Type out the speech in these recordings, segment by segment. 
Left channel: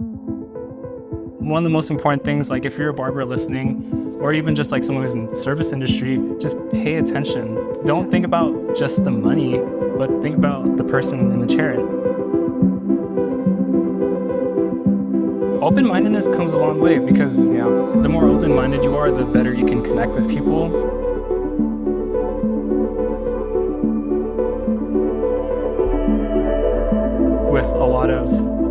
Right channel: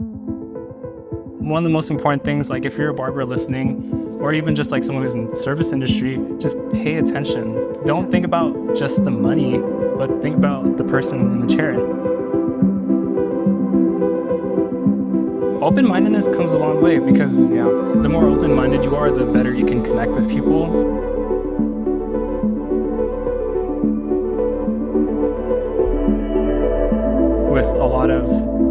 One of the most important things, like if you're a barber listening, or even just like someone who's in the service industry, just pay attention. Don't think about just the money, but think about the person in the chair. Open-mindedness comes a long way because the more open-minded you are, the better you can connect with people. With a lot of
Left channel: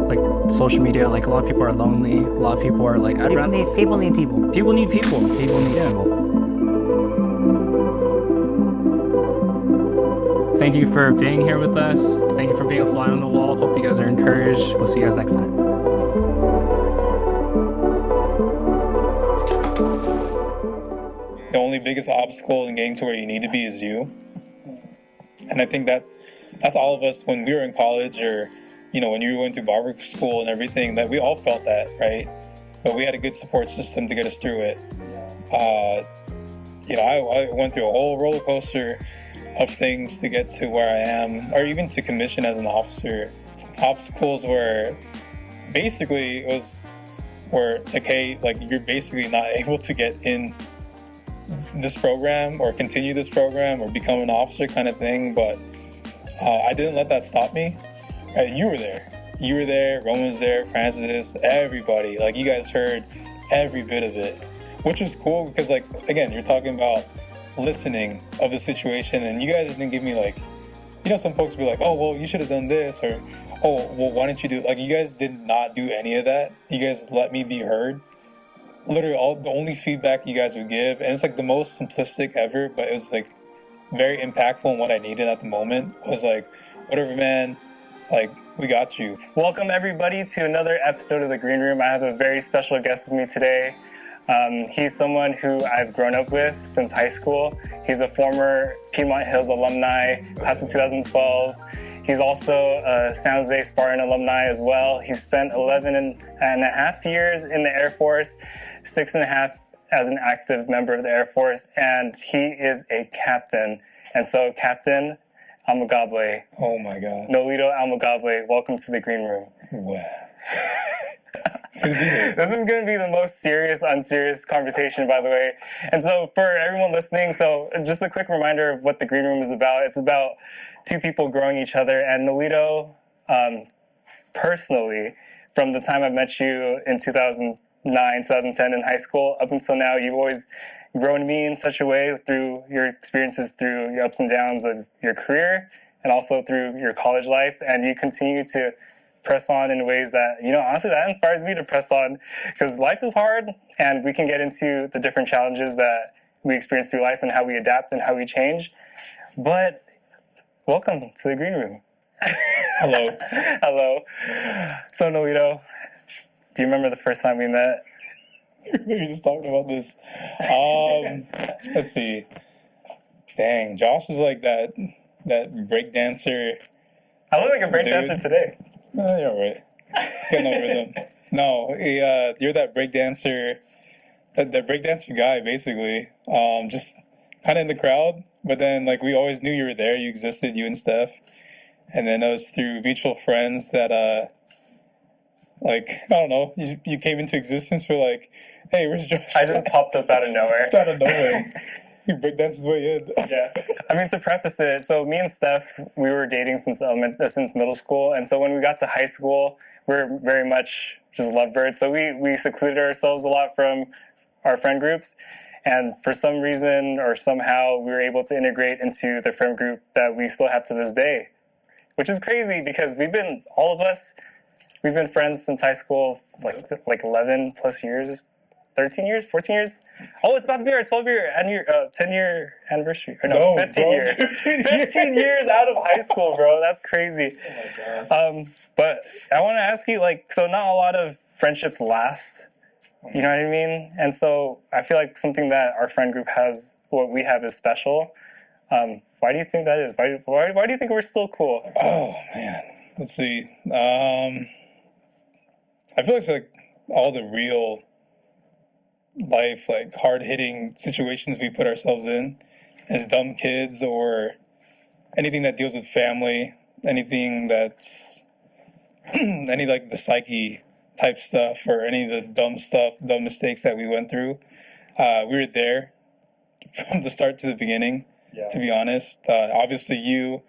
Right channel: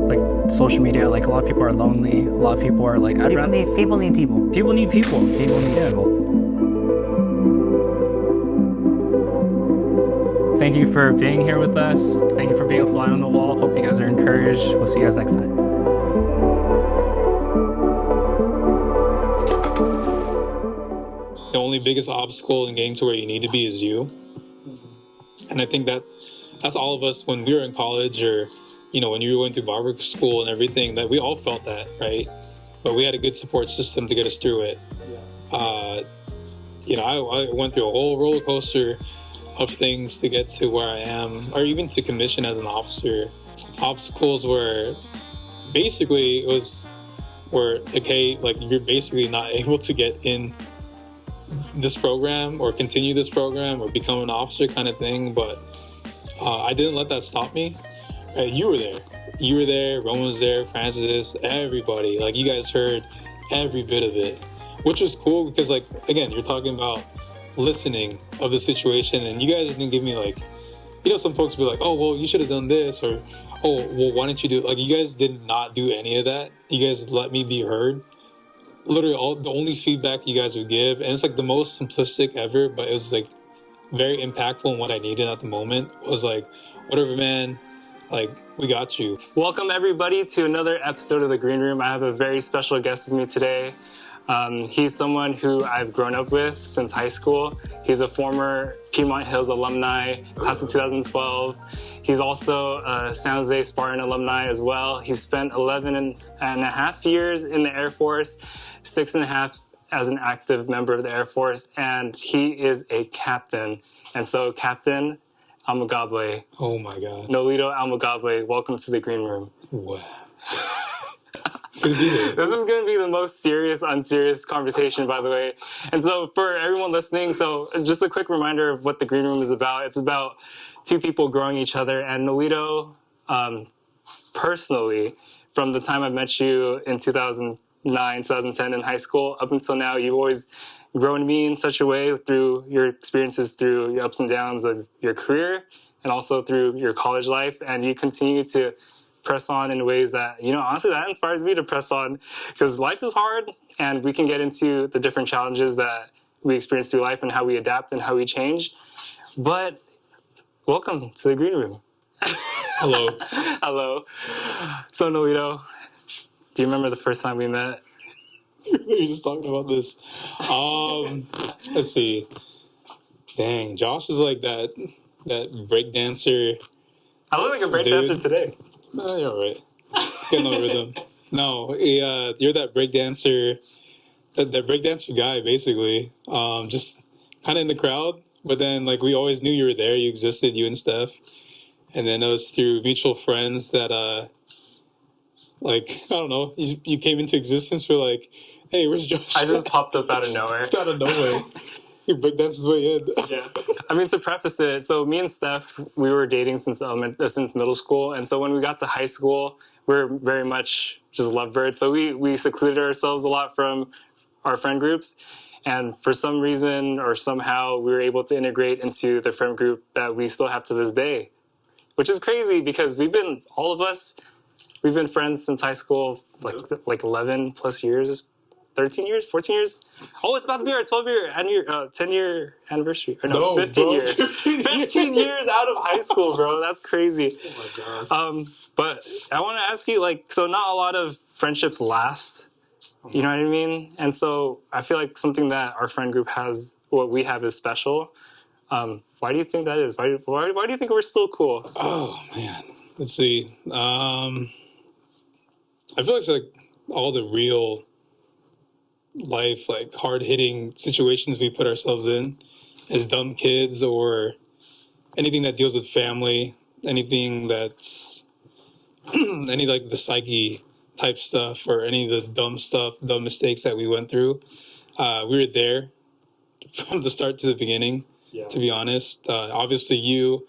like social media, like a lot of people are lonely. A lot of people are like, people need people. People need people. People need people. Thank you for being here with us. Thank you for being a fly on the wall. Hope you guys are encouraged. We'll see you guys next time. The only biggest obstacle in getting to where you need to be is you. And I think that's all of us when we were in college, or when you were going through barber school and everything, that we all felt that, right? But we had a good support system to get us through it. I went through a whole roller coaster of things to get to where I am, or even to commission as an officer. Obstacles were basically were like, hey, like you're basically not able to get in this program or continue this program or become an officer kind of thing. But I didn't let that stop me. You were there, Roman was there, Francis, everybody. Like, you guys heard every bit of it, which was cool because, like, again, you're talking about listening of the situation, and you guys didn't give me like, some folks be like, oh, well, you should have done this, or, oh, well, why didn't you do, like, you guys did not do any of that. You guys let me be heard. Literally the only feedback you guys would give, and it's like the most simplistic ever, but it was like very impactful, and what I needed at the moment was like, whatever, man, like, we got you. Welcome everybody to another episode of The Green Room. I have a very special guest with me today. He's someone who I've grown up with since high school. He's a former Piedmont Hills alumni, class of 2012. He's also a San Jose Spartan alumni as well. He's spent 11 and a half years in the Air Force, 6.5 as an active member of the Air Force, and he is a captain. And so, Captain Amigable. Oh my God. Noelito Amigable, welcome to The Green Room. Wow. This is going to be the most serious, unserious conversation, by the way. And so for everyone listening, so just a quick reminder of what The Green Room is about. It's about two people growing each other. And Noelito, personally, from the time I met you in 2009, 2010 in high school, up until now, you've always grown me in such a way through your experiences, through your ups and downs of your career, and also through your college life. And you continue to press on in ways that, honestly, that inspires me to press on, because life is hard, and we can get into the different challenges that we experience through life and how we adapt and how we change. But welcome to The Green Room. Hello. Hello. So, Noelito, do you remember the first time we met? We were just talking about this. Let's see. Dang, Josh was like that break dancer. I look like a break dancer today. You're all right. Got no rhythm. No, you're that break dancer, that break dancer guy, basically. Just kind of in the crowd, but then like we always knew you were there, you existed, you and Steph. And then it was through mutual friends that, like, I don't know, you came into existence for like, hey, where's Josh? I just popped up out of nowhere. Out of nowhere. He breakdanced his way in. Yeah. I mean, to preface it, so me and Steph, we were dating since middle school. And so when we got to high school, we were very much just lovebirds. So we secluded ourselves a lot from our friend groups. And for some reason or somehow, we were able to integrate into the friend group that we still have to this day, which is crazy because we've been friends since high school, like 11 plus years. 13 years, 14 years. Oh, it's about to be our 10-year anniversary. Or no, 15 years. 15 years out of high school, bro. That's crazy. Oh my God. But I want to ask you, so not a lot of friendships last. You know what I mean? And so I feel like something that our friend group has, what we have is special. Why do you think that is? Why do you think we're still cool? Oh, man. Let's see. I feel like it's like all the real life, like hard-hitting situations we put ourselves in as dumb kids, or anything that deals with family, anything that's any like the psyche type stuff or any of the dumb mistakes that we went through. We were there from the start to the beginning, to be honest. Obviously you,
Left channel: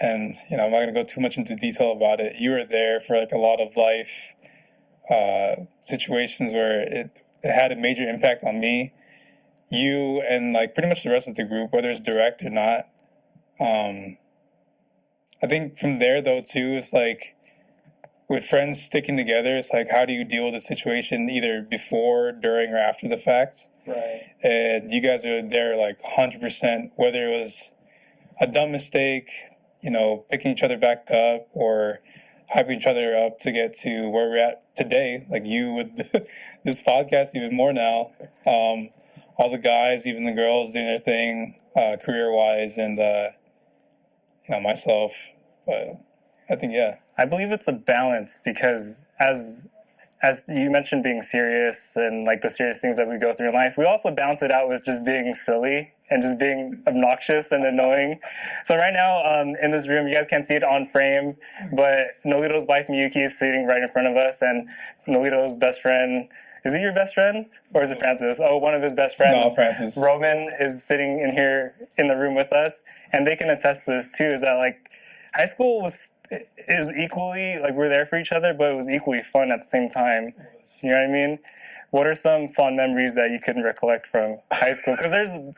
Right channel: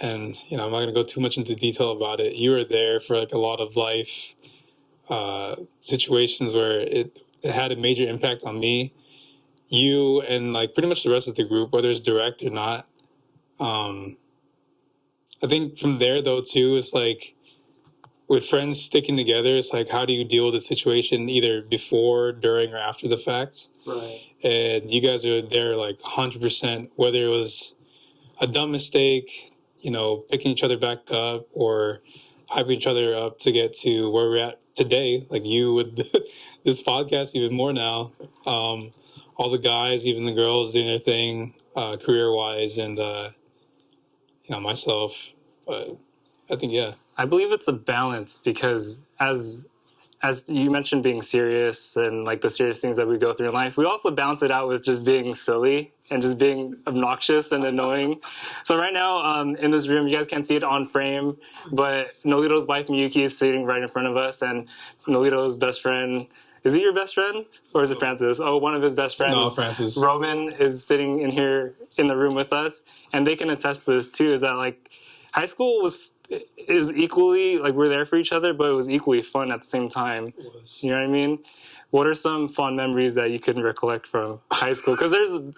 and I'm not going to go too much into detail about it. You were there for like a lot of life situations where it had a major impact on me. You and like pretty much the rest of the group, whether it's direct or not. I think from there though too, it's like with friends sticking together, it's like how do you deal with the situation either before, during, or after the fact? Right. And you guys are there like 100%, whether it was a dumb mistake, picking each other back up or hyping each other up to get to where we're at today, like you with this podcast even more now. All the guys, even the girls doing their thing career-wise and, myself. But I think, yeah. I believe it's a balance because as you mentioned being serious and like the serious things that we go through in life, we also balance it out with just being silly and just being obnoxious and annoying. So right now in this room, you guys can't see it on frame, but Noelito's wife Miyuki is sitting right in front of us, and Noelito's best friend, is he your best friend or is it Francis? Oh, one of his best friends. No, Francis. Roman is sitting in here in the room with us, and they can attest to this too, is that like high school is equally, like we're there for each other, but it was equally fun at the same time. You know what I mean? What are some fond memories that you can recollect from high school? Because all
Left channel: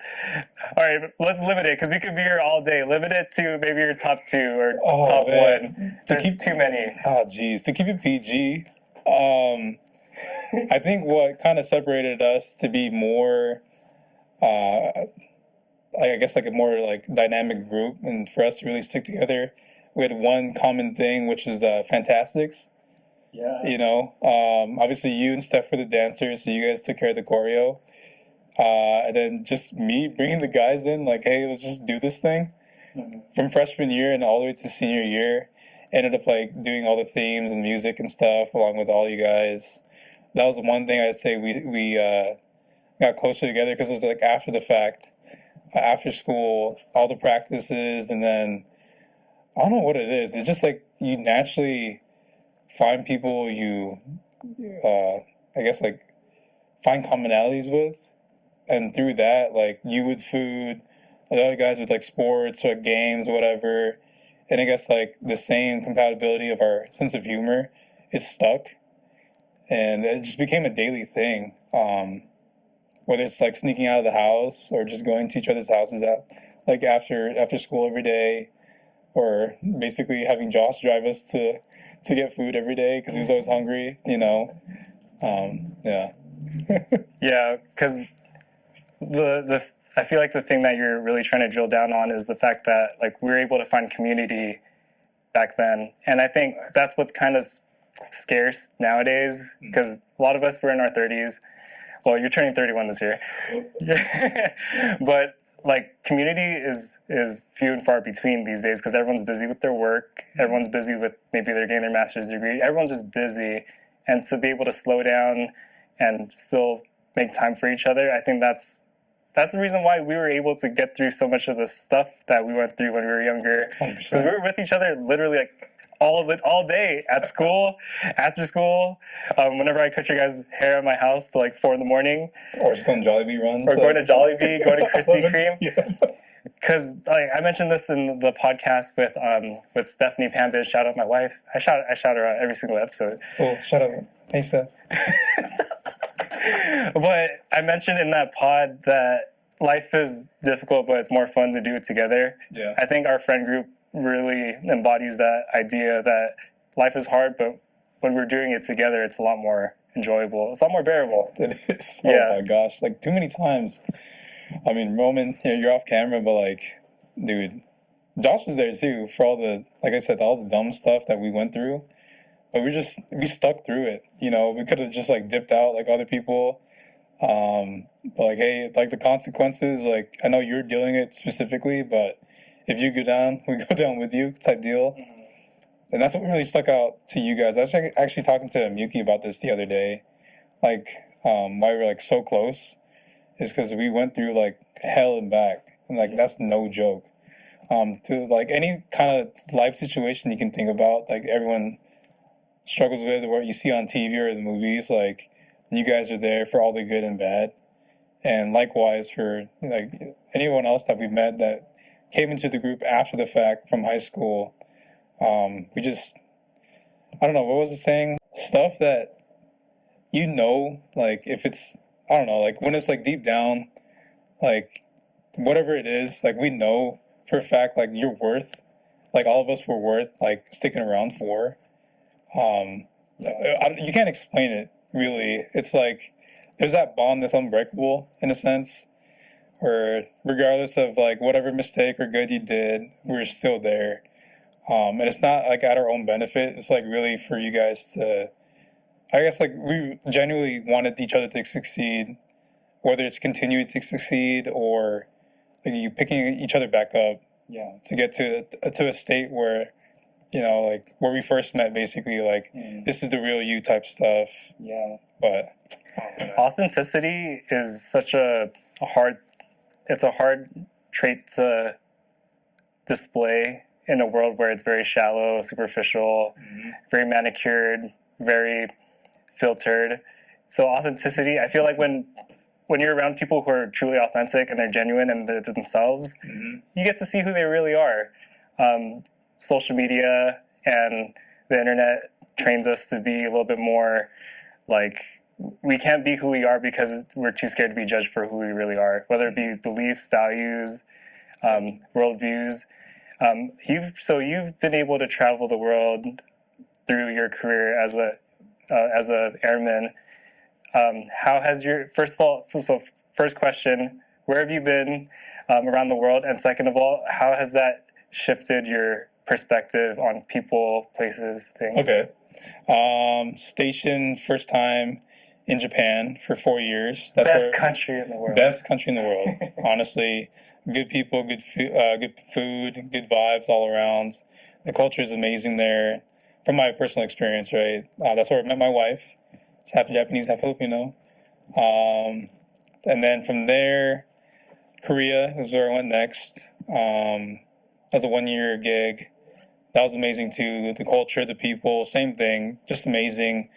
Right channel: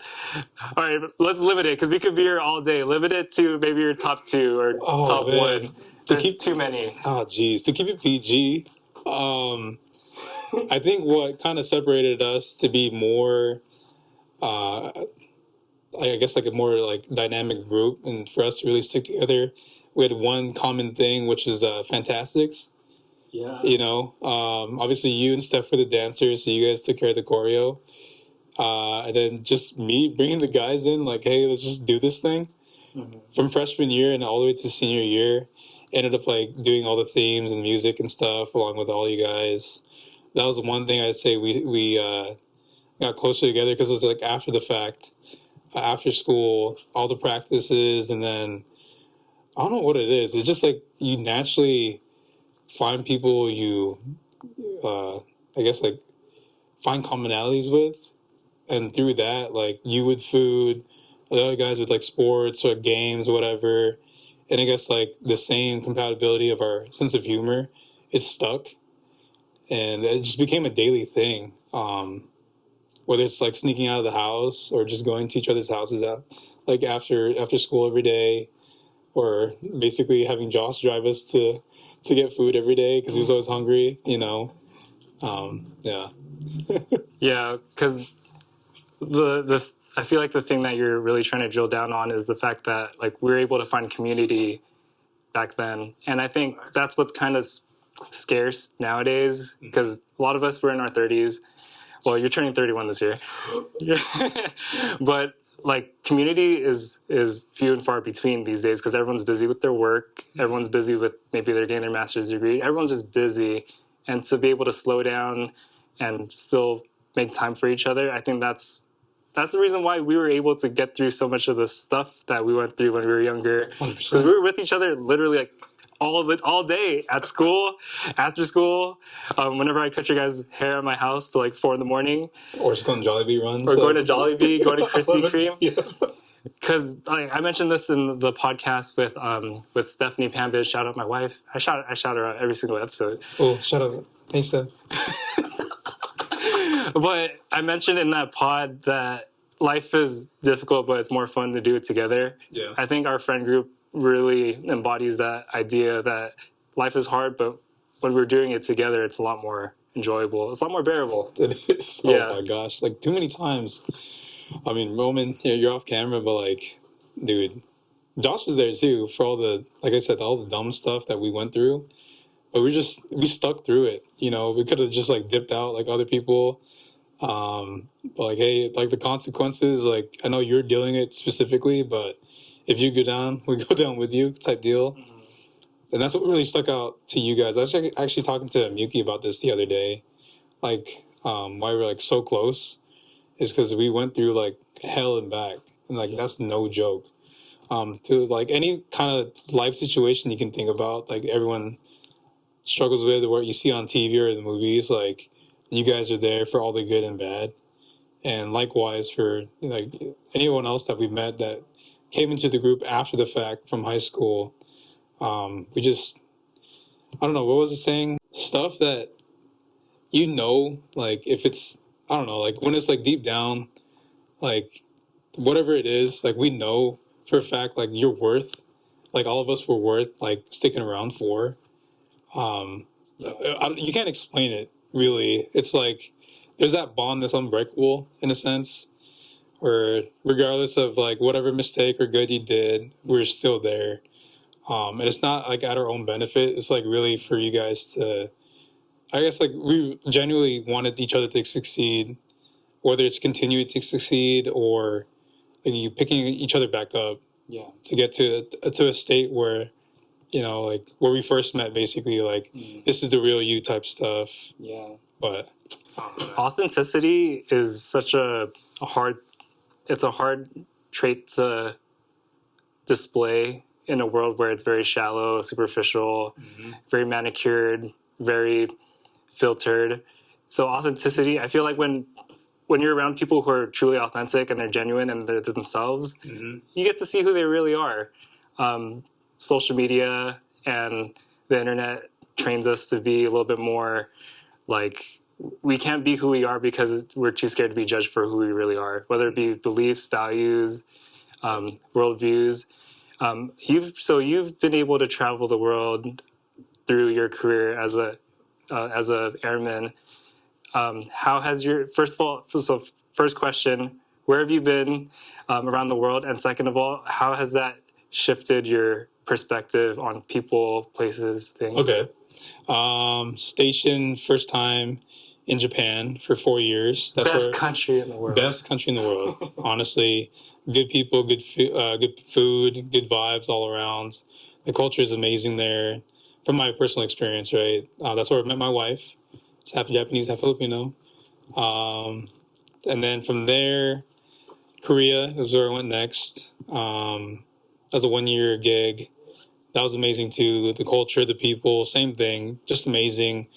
right, let's limit it because we could be here all day. Limit it to maybe your top 2 or top 1. There's too many. Oh, geez. To keep it PG, I think what kind of separated us to be more, I guess like a more like dynamic group and for us to really stick together, we had one common thing, which is Fantastics. Yeah. Obviously you and Steph were the dancers, so you guys took care of the choreo. And then just me bringing the guys in, like, hey, let's just do this thing. Mm-hmm. From freshman year and all the way to senior year, ended up like doing all the themes and music and stuff along with all you guys. That was one thing I'd say we got closer together because it was like after the fact, after school, all the practices, and then I don't know what it is. It's just like you naturally find people you, I guess, like find commonalities with. And through that, like you with food, the other guys with like sports or games or whatever. And I guess like the same compatibility of our sense of humor is stuck. And it just became a daily thing. Whether it's like sneaking out of the house or just going to each other's houses like after school every day. Or basically having Josh drive us to get food every day because he was always hungry, Yeah. Yeah, because I feel like the thing that you're really trying to drill down on is the fact that like we were able to find community back then, and I think that's what's kind of scarce nowadays because a lot of us were in our 30s. Well, you're turning 31 this year, but like community is few and far between these days because everyone's busy with their work. Everyone's busy with maybe they're getting their master's degree. Everyone's just busy, and to be able to slow down and still make time for each other, I think that's the reason why we were able to get through so much of the stuff that we went through when we were younger. Because we were with each other literally like all day at school, after school. Whenever I cut your guys' hair at my house to like 4 a.m. Or just going to Jollibee runs. Or going to Jollibee, going to Krispy Kreme. Because I mentioned this in the podcast with Stephanie Pambish. Shout out my wife. I shout her out every single episode. Oh, shout out. Hey, Steph. But I mentioned in that pod that life is difficult, but it's more fun to do it together. Yeah. I think our friend group really embodies that idea that life is hard, but when we're doing it together, it's a lot more enjoyable. It's a lot more bearable. It is. Oh my gosh. Like too many times. I mean, Roman, you're off camera, but like, dude, Josh was there too for all the, like I said, all the dumb stuff that we went through. But we stuck through it. We could have just like dipped out like other people. But like, hey, like the consequences, like I know you're dealing it specifically, but if you go down, we go down with you type deal. Mm-hmm. And that's what really stuck out to you guys. I was actually talking to Miyuki about this the other day. Like, why we're like so close is because we went through like hell and back. And like, that's no joke. To like any kind of life situation you can think about, like everyone struggles with, or what you see on TV or the movies. Like, you guys are there for all the good and bad. And likewise for like anyone else that we've met that came into the group after the fact from high school. We just, I don't know, what was it saying? Stuff that, like if it's, I don't know, like when it's like deep down, like whatever it is, like we know for a fact, like you're worth, like all of us were worth like sticking around for. You can't explain it really. It's like there's that bond that's unbreakable in a sense, where regardless of like whatever mistake or good you did, we're still there. And it's not like at our own benefit. It's like really for you guys to, I guess like we genuinely wanted each other to succeed, whether it's continuing to succeed or like you picking each other back up. Yeah. To get to a state where, like where we first met, basically, like this is the real you type stuff. Yeah. But authenticity is such a hard trait to display in a world where it's very shallow, superficial, very manicured, very filtered. So authenticity, I feel like when you're around people who are truly authentic and they're genuine and they're themselves, you get to see who they really are. Social media and the internet trains us to be a little bit more like, we can't be who we are because we're too scared to be judged for who we really are, whether it be beliefs, values, worldviews. You've been able to travel the world through your career as a airman. How has your first question, where have you been around the world, and second of all, how has that shifted your perspective on people, places, things? Okay. Stationed first time in Japan for 4 years. That's best country in the world. Best country in the world. Honestly, good people, good food, good vibes all around. The culture is amazing there. From my personal experience, right? That's where I met my wife. It's half Japanese, half Filipino. And then from there, Korea is where I went next. That was a 1-year gig. That was amazing too. The culture, the people, same thing. Just amazing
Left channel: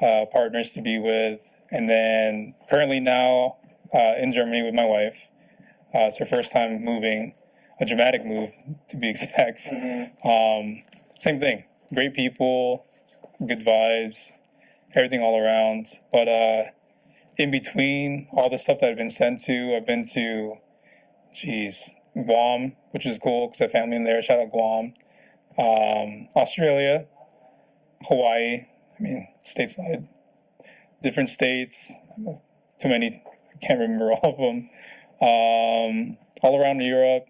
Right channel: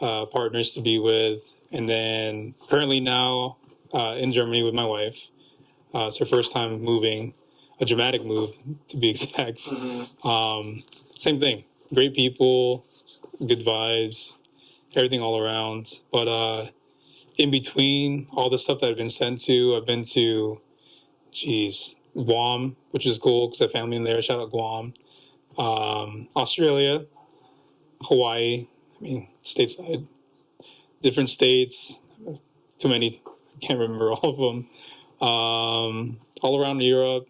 partners to be with. And then currently now in Germany with my wife. It's her first time moving, a dramatic move to be exact. Same thing. Great people, good vibes, everything all around. But in between all the stuff that I've been sent to, I've been to, Guam, which is cool because I have family in there. Shout out Guam. Australia, Hawaii, stateside, different states, too many, I can't remember all of them. All around Europe,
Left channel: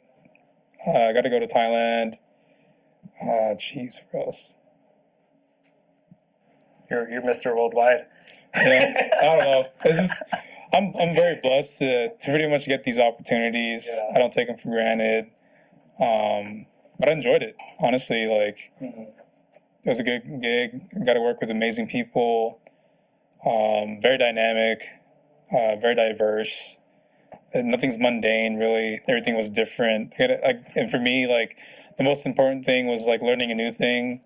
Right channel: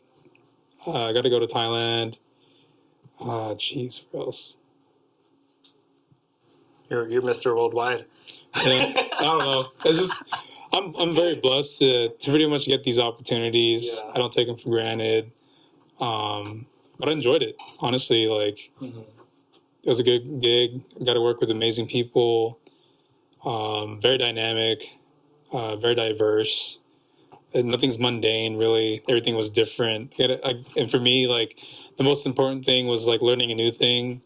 I got to go to Thailand. Where else? You're Mr. Worldwide. Yeah, I don't know. It's just, I'm very blessed to pretty much get these opportunities. Yeah. I don't take them for granted. But I enjoyed it, honestly. Like, it was a good gig. I got to work with amazing people. Very dynamic, very diverse. And nothing's mundane, really. Everything was different. And for me, like, the most important thing was like learning a new thing,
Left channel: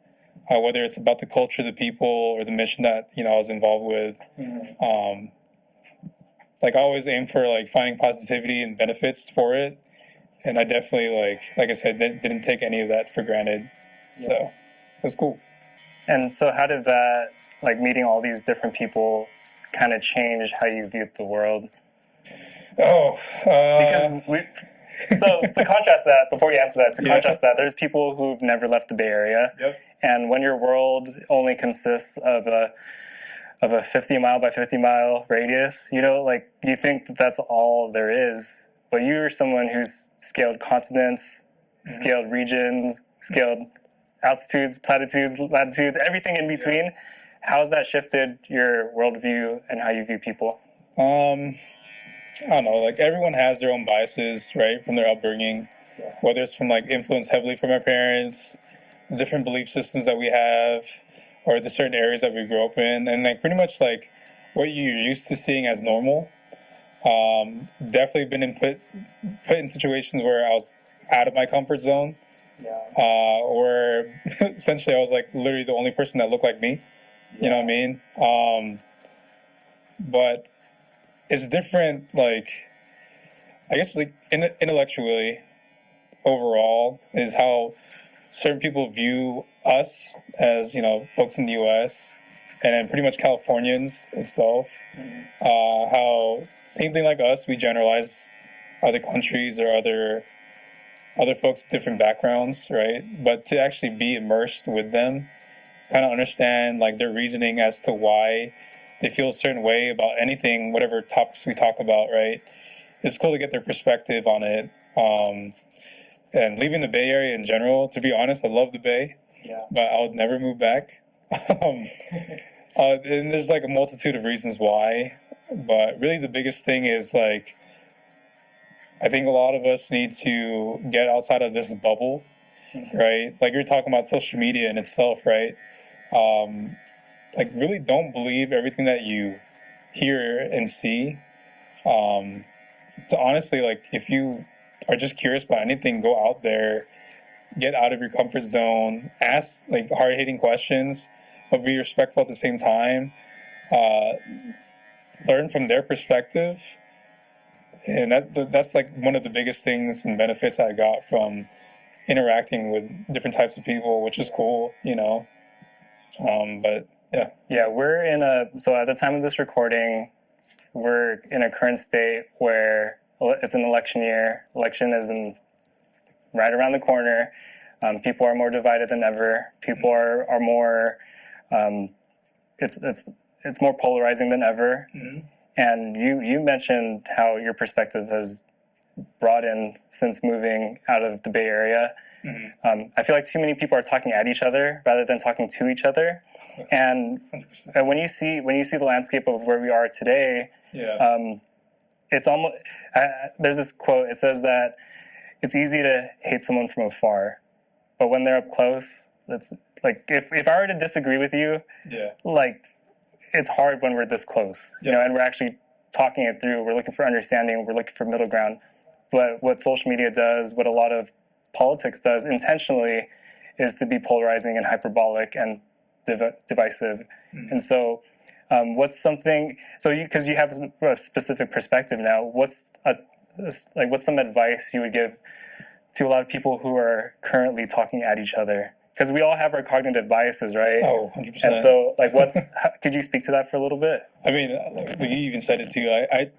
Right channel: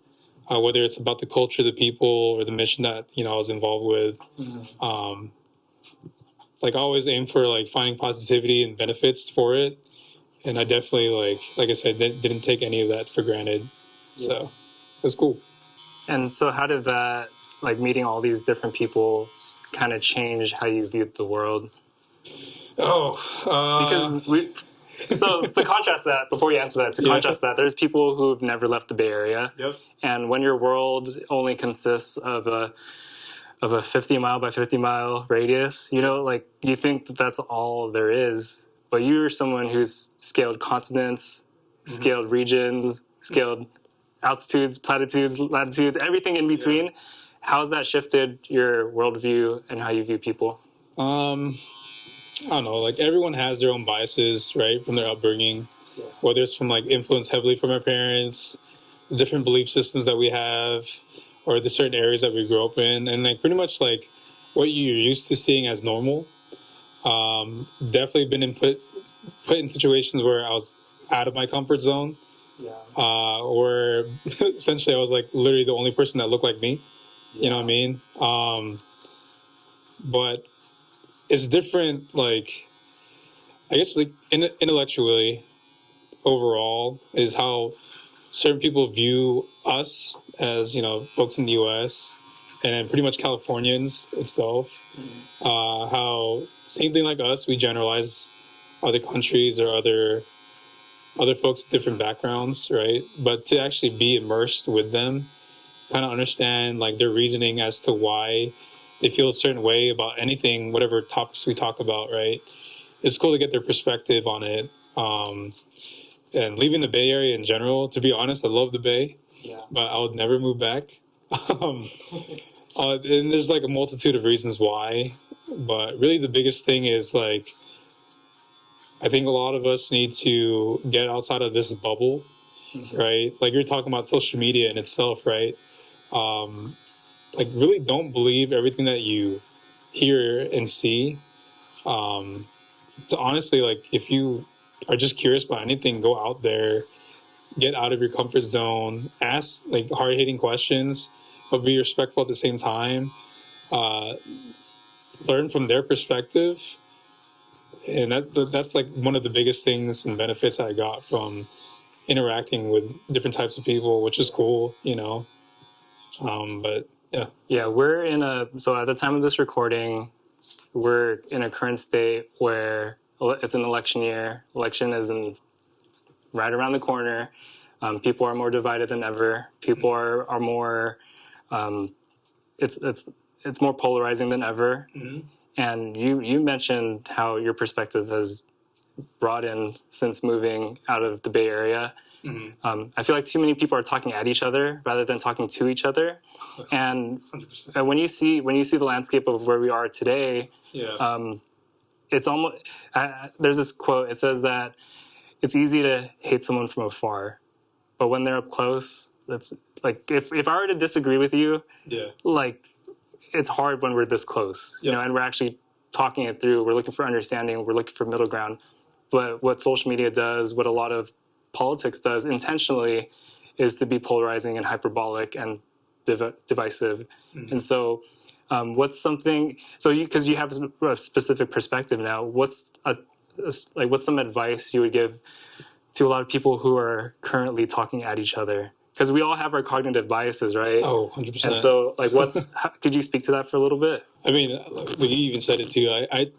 whether it's about the culture, the people, or the mission that I was involved with. Like, I always aim for like finding positivity and benefits for it. And I definitely, like I said, didn't take any of that for granted. Yeah. So it was cool. And so how did that, like meeting all these different people, kind of change how you viewed the world? So to contrast that, before you answer that, that, there's people who've never left the Bay Area. Yep. And when your world only consists of a 50 mile by 50 mile radius, like you think that that's all there is. But you're someone who's scaled continents, scaled regions, scaled altitudes, platitudes, latitudes, everything in between. Yeah. How has that shifted your worldview and how you view people? I don't know. Like, everyone has their own biases, right, from their upbringing. Yeah. Whether it's from like influence heavily from our parents, the different belief systems that we have, or the certain areas that we grew up in, and like pretty much like what you're used to seeing as normal. Definitely been put in situations where I was out of my comfort zone. where essentially I was like literally the only person that looked like me. You know what I mean? But it's different, like, I guess, like, intellectually, overall, is how certain people view us as, folks in the U.S., and then pretty much Californians itself. How, same thing like us, we generalize other countries or other folks with different backgrounds, right? But to actually be immersed with them, kind of understand like their reasoning as to why they feel a certain way about anything, whatever topics we talk about, right? It's cool to get their perspective on it. And leaving the Bay Area in general, to be honest, I love the Bay, but I would never move back. And there's like a multitude of reasons why, but really the biggest thing is like, I think a lot of us need to get outside of this bubble, right? Like you're talking about social media in itself, right? Like really don't believe everything that you hear and see. To honestly, like if you are just curious about anything, go out there, get out of your comfort zone, ask like hard-hitting questions, but be respectful at the same time. Learn from their perspective, and that's like one of the biggest things and benefits I got from interacting with different types of people, which is cool, But yeah. Yeah, so at the time of this recording, we're in a current state where it's an election year. Election is right around the corner. People are more divided than ever. People are more, it's more polarizing than ever. Mm-hmm. And you mentioned how your perspective has broadened since moving out of the Bay Area. Mm-hmm. I feel like too many people are talking at each other rather than talking to each other. And 100%. When you see the landscape of where we are today, it's almost there's this quote. It says that it's easy to hate someone from afar, but when they're up close, that's like if I were to disagree with you, like it's hard when we're this close, and we're actually talking it through. We're looking for understanding. We're looking for middle ground. But what social media does, what a lot of politics does intentionally, is to be polarizing and hyperbolic and divisive. Mm-hmm. And so what's something, because you have a specific perspective now, what's some advice you would give to a lot of people who are currently talking at each other? Because we all have our cognitive biases, right? Oh, 100%. And so, could you speak to that for a little bit? I mean, like you even said it too. I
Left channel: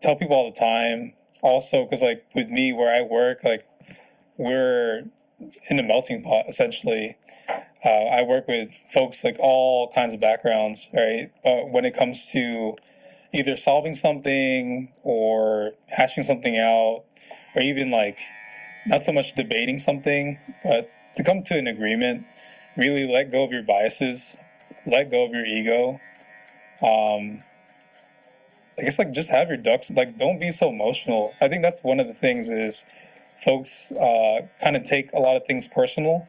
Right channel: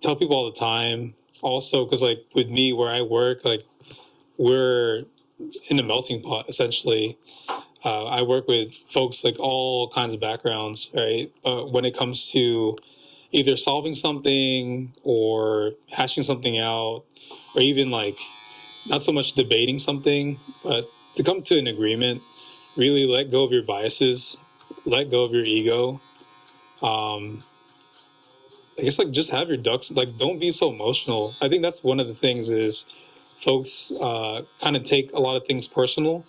tell people all the time, also, because like with me, where I work, like we're in a melting pot, essentially. I work with folks like all kinds of backgrounds, right? When it comes to either solving something or hashing something out, or even like not so much debating something, but to come to an agreement, really let go of your biases, let go of your ego. I guess like just have your ducks, like don't be so emotional. I think that's one of the things is folks kind of take a lot of things personal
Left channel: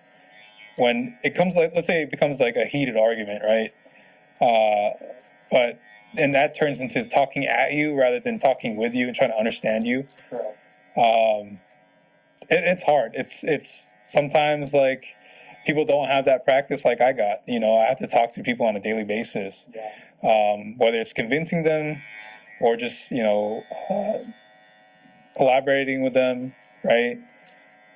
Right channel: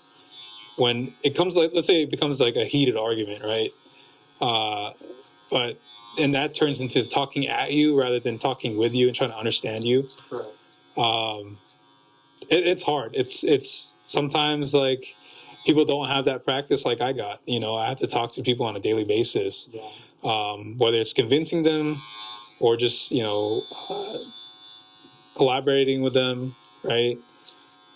when it comes like, let's say it becomes like a heated argument, right? And that turns into talking at you rather than talking with you and trying to understand you. Correct. It's hard. It's sometimes like people don't have that practice like I got. I have to talk to people on a daily basis. Yeah. Whether it's convincing them or just, collaborating with them, right?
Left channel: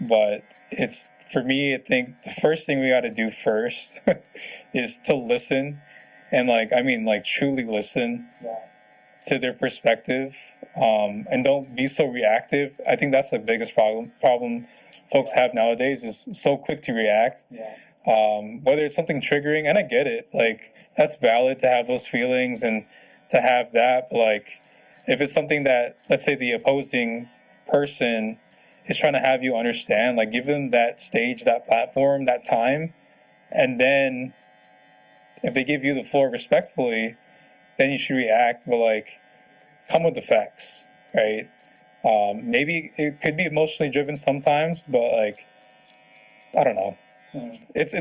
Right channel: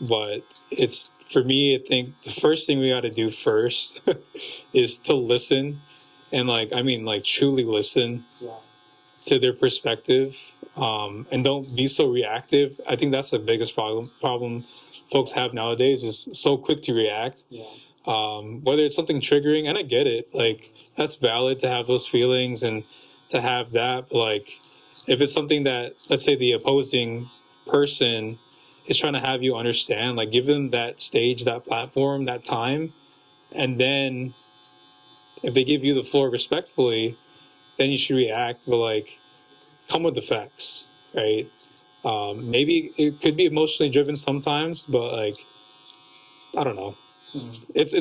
But it's, for me, I think the first thing we got to do first is to listen and truly listen to their perspective. And don't be so reactive. I think that's the biggest problem folks have nowadays is so quick to react. Yeah. Whether it's something triggering, and I get it, like that's valid to have those feelings and to have that. But like, if it's something that, let's say, the opposing person is trying to have you understand, like give them that stage, that platform, that time, and then if they give you the floor respectfully, then you should react. But like, come with the facts, right? Maybe it could be emotionally driven sometimes, but like, I don't know. It's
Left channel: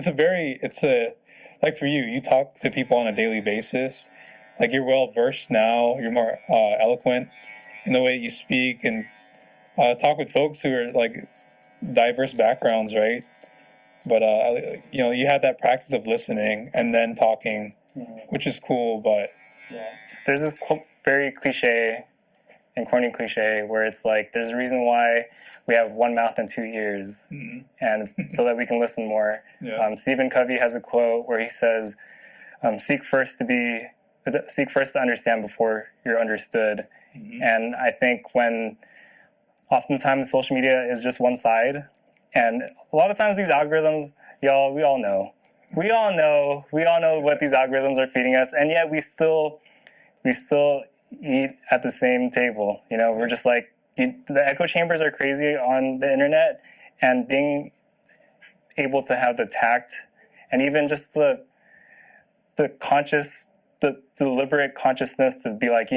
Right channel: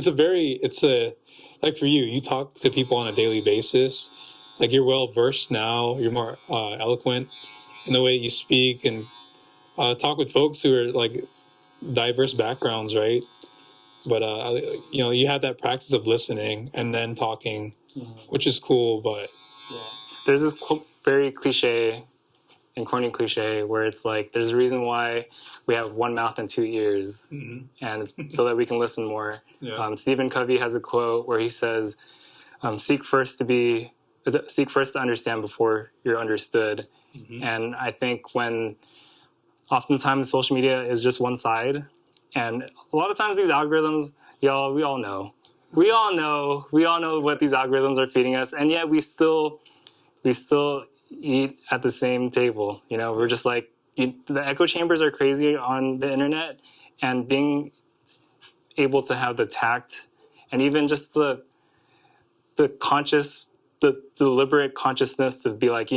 like for you talk to people on a daily basis. Like you're well versed now, you're more eloquent in the way you speak and talk with folks who are like diverse backgrounds, right? But you had that practice of listening and then talking, which is cool. But There's this very cliche and corny cliche where it's like there's a reason why we have one mouth and two ears, and it's so that we can listen more. Stephen Covey has a quote where he says, seek first to understand before you're understood. And I think when oftentimes social media is just one side, and a lot of times these algorithms, we all know what these algorithms are feeding us, and yet we still eat at the same table. We're just like, the echo chambers are crazy on the internet, and being able to have the tact and even just the deliberate consciousness to be like, I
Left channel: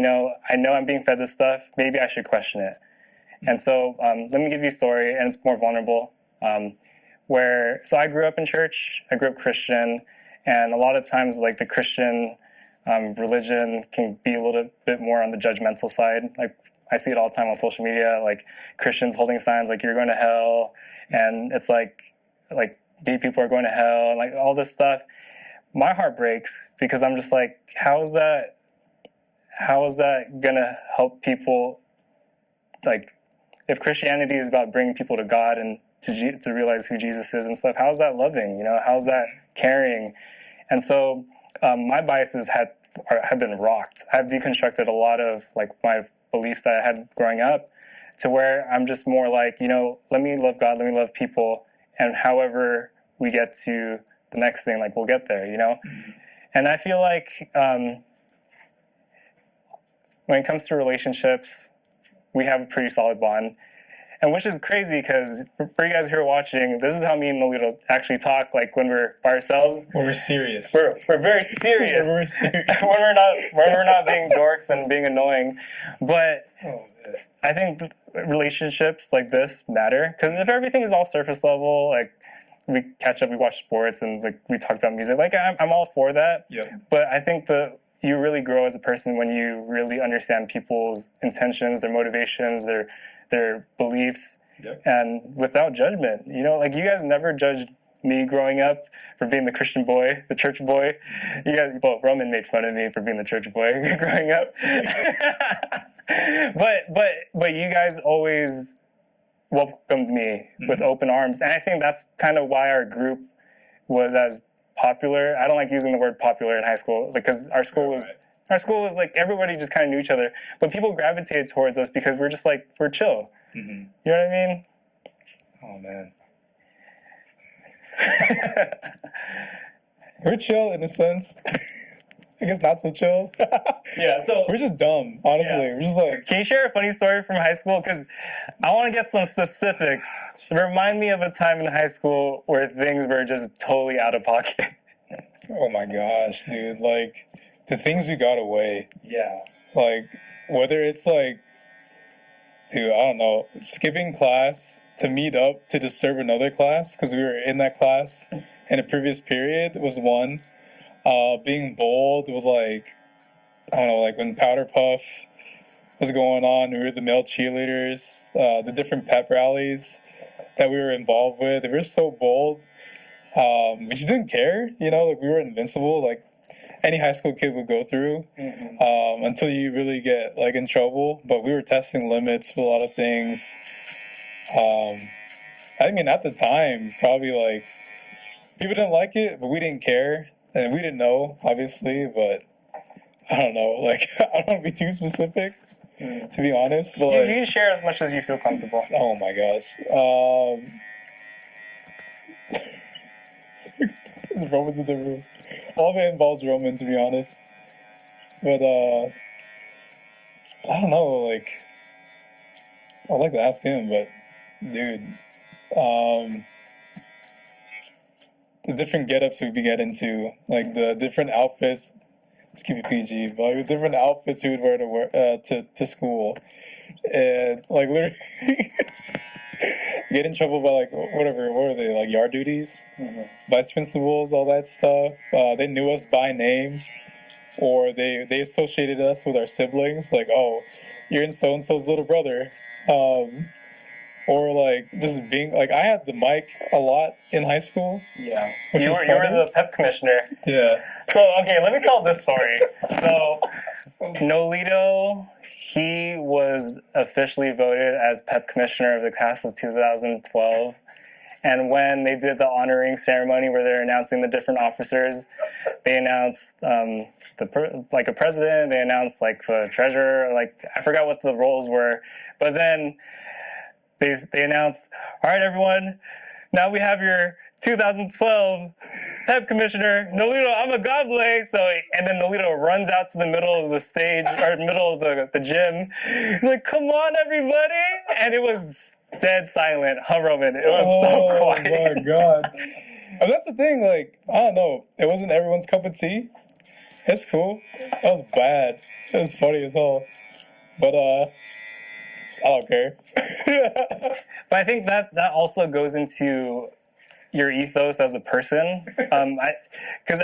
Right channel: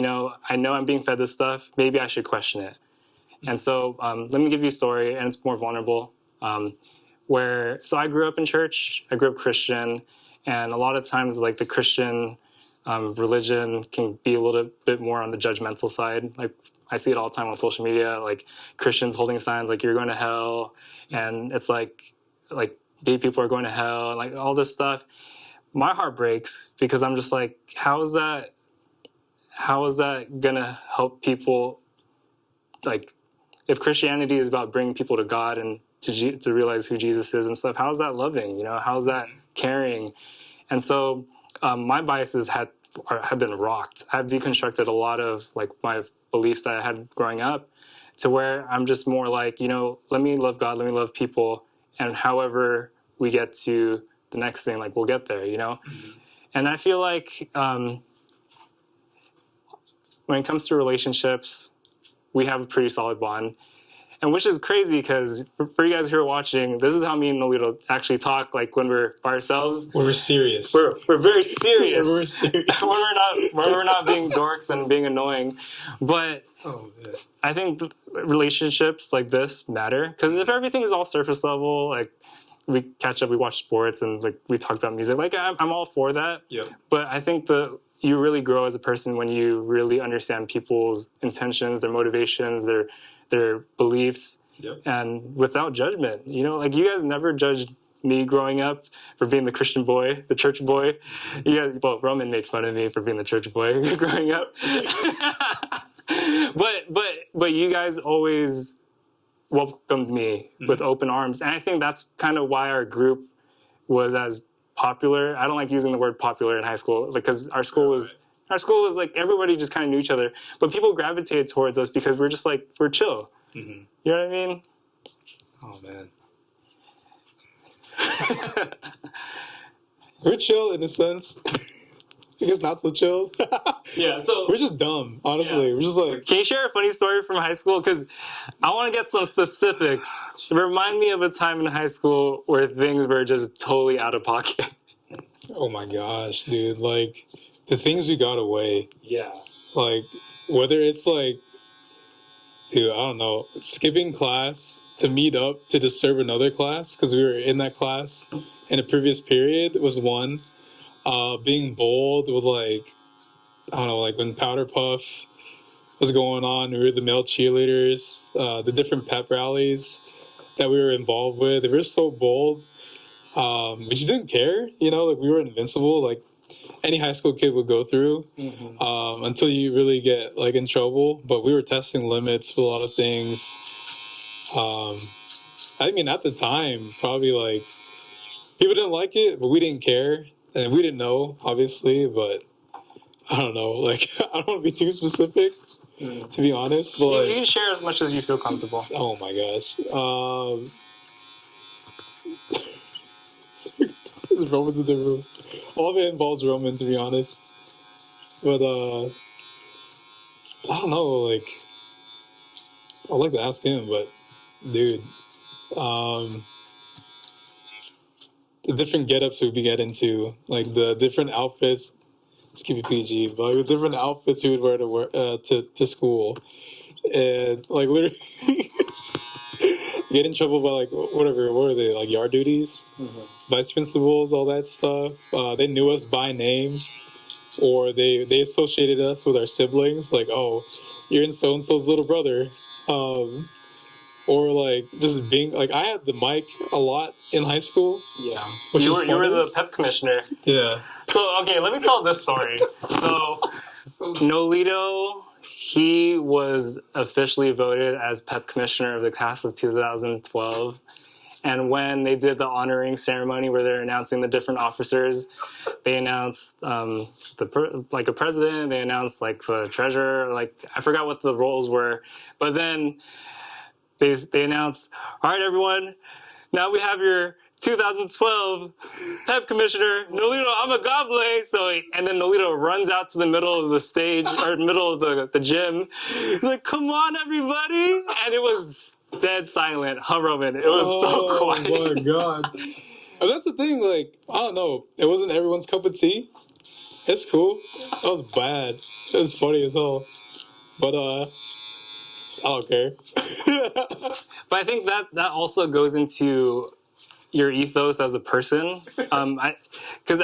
know I'm being fed this stuff, maybe I should question it. And so let me give you a story, and it's more vulnerable. So I grew up in church, I grew up Christian, and a lot of times like the Christian religion can be a little bit more on the judgmental side. Like I see it all the time on social media, like Christians holding signs like you're going to hell, and it's like gay people are going to hell, and like all this stuff. My heart breaks because I'm just like, how is that gonna help people? Like, if Christianity is about bringing people to God and to realize who Jesus is and stuff, how is that loving? How is that caring? And so my biases have been rocked. I've deconstructed a lot of like my beliefs that I had growing up, to where I'm just more like, let me love God, let me love people, and however we get to the next thing, like we'll get there, And I feel like when it comes to relationships, we have a pretty solid bond. And which is crazy because for you guys who are watching, this is how me and Noelito actually talk, like when we're by ourselves. we're serious. We're very serious. We're serious. when we're not being dorks and being annoying. But I think relationships like this matter, because if everything is all surface level, like we catch up, we watch sports, and like we talk about music, like I'm all for that. Yep. But I think you really grow as a person when you really understand people's intentions, their motivations, their beliefs, and without judgment. Like you guys never judged me growing up for being the Christian boy, the church boy. Roman made fun of me for being the church boy growing up. but you guys always welcomed me with open arms, and I think that's kind of why our group was as popular. I don't like using the word popular in high school, because our school was like everybody just kind of knew each other, but people gravitated towards us because we're just like, we're chill. You know what I mean? Oh man. We're chill in a sense. I guess not so chill. Yeah, so we're just dumb, honestly. We're just like... Can you share a funny story from high school? Because I want to get some specifics. Remind me of a time in high school where things were just totally out of pocket. Oh my gosh, dude. Like, the things we got away. Yeah. Like, whether it's like, dude, I don't know, skipping class to meet up to disturb another class because we were in that class in a previous period was one. Being bold with like, I don't know, like when Powder Puff was going on, we were the male cheerleaders, the different pep rallies that we were involved with. They were so bold. We just didn't care, like we were invincible, like any high school kid would go through, until you really get like in trouble. But we were testing limits for a lot of things. I mean, at the time, probably like people didn't like it, but we didn't care. And we didn't know, obviously, but I don't know. Like, I don't want to be too specific, to be honest. But you can share as much as you feel comfortable. Oh my gosh. There's Romans in the room. All of it involves Roman, to be honest. But I don't know. Like, I'd like to ask him, but dude, the different get-ups we get into, like the different outfits. Let's keep it PG, but like the different outfits we would wear to school, and like literally get in trouble by like whatever. What are they, like yard duties, vice principals, all that stuff. They knew us by name, or they associated us with our siblings. Like, oh, you're in so and so's little brother. or like just being like I had the mic a lot in high school. Yeah. Which you is were funny. the pep commissioner. Yeah. So, okay, let me tell this story. So, Noelito, he was officially voted as pep commissioner of the class of 2012. And when they did the honoring ceremony where they're announcing the different officers, they announced like a president, they announced like the treasurer, like I forgot what the roles were. But then they announced, all right, everyone, now we have your 2012 pep commissioner, Noelito Amigable. So, and then Noelito runs out to the middle of the stage, or middle of the gym. He's like, come on, everybody. And it was dead silent, Roman. It was so quiet. Oh, my God. And that's the thing, like, I don't know. It wasn't everyone's cup of tea. It's cool. That was bad. It was funny as hell. But, I don't care. But I think that also goes into your ethos as a person. Because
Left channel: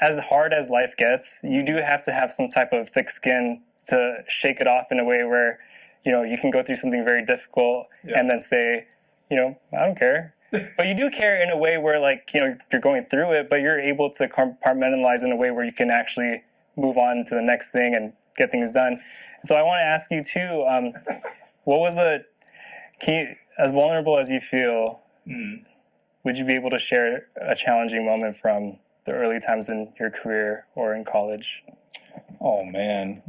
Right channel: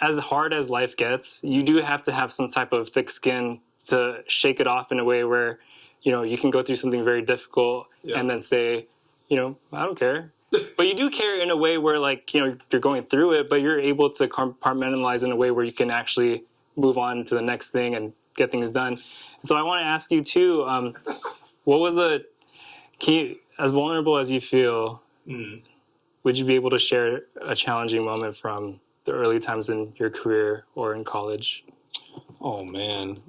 as hard as life gets, you do have to have some type of thick skin to shake it off in a way where, you can go through something very difficult and then say, I don't care. But you do care in a way where, like, you're going through it, but you're able to compartmentalize in a way where you can actually move on to the next thing and get things done. So I want to ask you too, what was as vulnerable as you feel, would you be able to share a challenging moment from the early times in your career or in college? Oh, man.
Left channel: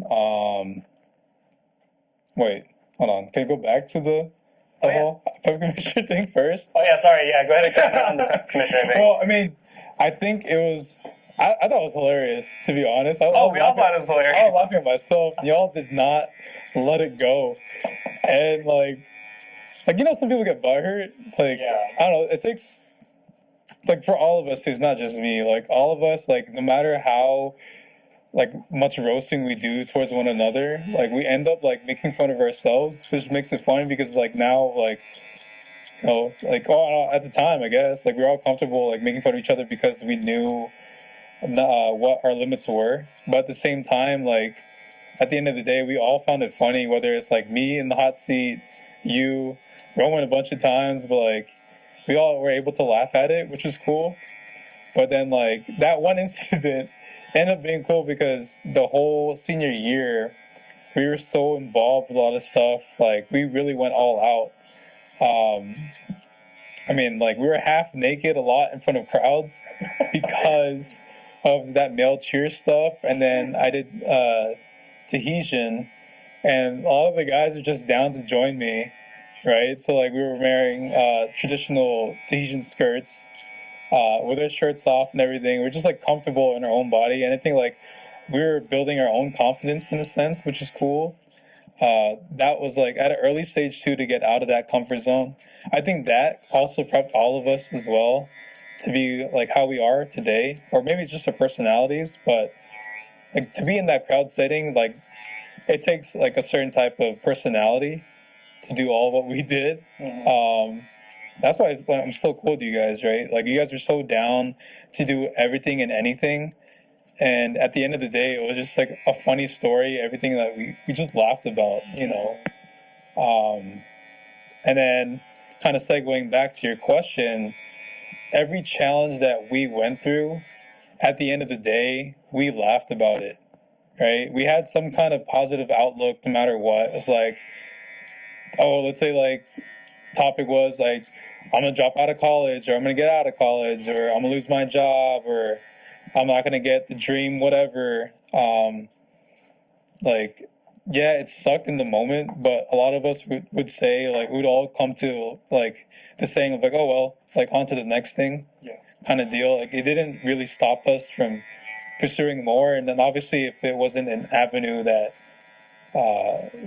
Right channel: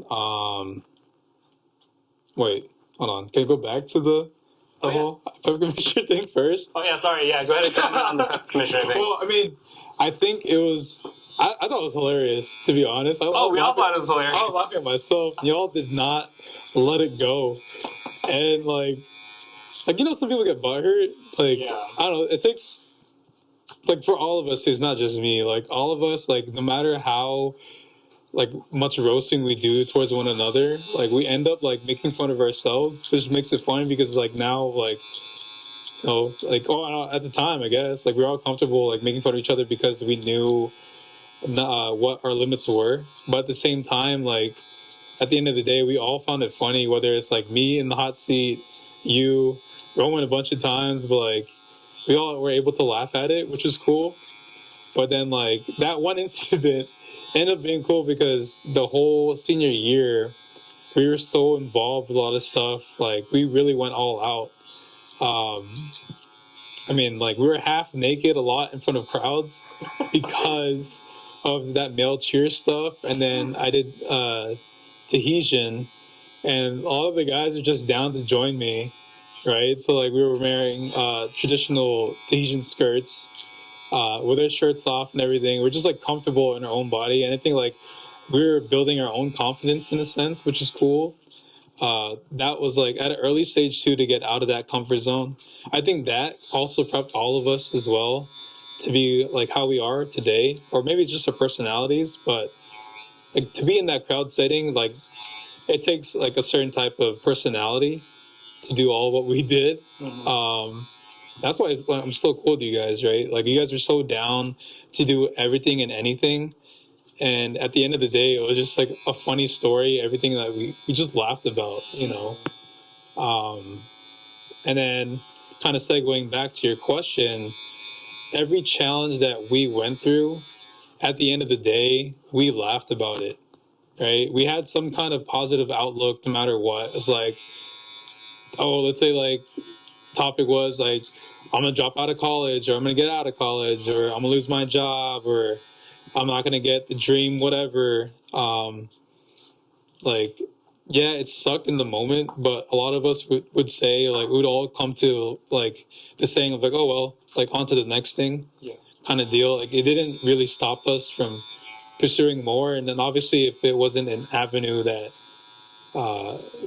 Wait, hold on. Can I go back to the whole pep commissioner thing first? Oh, yeah, sorry. Yeah, go ahead and comment on the pep commissioner thing. Well, I mean, I think it was... I thought it was hilarious, to be honest. We all thought it was hilarious. I was laughing at myself. Y'all did not let it go. And, like, some people get butthurt. Like, I don't know. It takes... Like, for all of us, it's not just me. Like, all of us, like, no matter how... like much roasting we do towards one another, like we end up like making fun of ourselves, which makes it funny because like now like at the time I guess like we're all comfortable like making fun of each other because we knew what our limits were, but at the same time like at the end of the day we all found it funny, whether it's like me in the hot seat, you, Roman a bunch of times, but like we all were able to laugh at it, which was cool. But then like that one incident ended up being cool because the whole senior year we were so involved with a lot of stuff. Like we really went all out. I mean, like we were half naked a lot in front of crowds because of that male cheer stuff. And then I did Tahitian, and a lot of the guys are just down to join me, right? So like we were wearing traditional Tahitian skirts with our shirts off and everything. We're just like comfortable in our own body, and I think like we were building our own confidence in a sense, which is cool. That was like at an early stage too, to get out of that comfort zone. I think that also prepped all of us as well to be like how we are today, or maybe it's just our personalities, but like to be in that crowd setting, like it takes like a certain type of personality to do all what we did. That's why I'm still cool with you guys, right? Like you guys are so down to do everything and anything. And at the end of the day, it was just like a funny story, everything that we just laughed about, you know. And then kind of segueing back to your question, every challenge that we went through, at the end of the day, we laughed about it, right? We had some kind of positive outlook no matter what. It's like, oh, let's say like topic was like, I'm going to drop out of college, or I'm going to get out of college, or I'm going to lose my job, or I'm not going to get the dream, whatever. Like, yeah, it sucked in the moment, but a lot of us would say, like, we would all come to, like, the saying of, like, oh, well, like, on to the next thing kind of deal. Like, it didn't really stop us from pursuing more. And then, obviously, if it wasn't an avenue that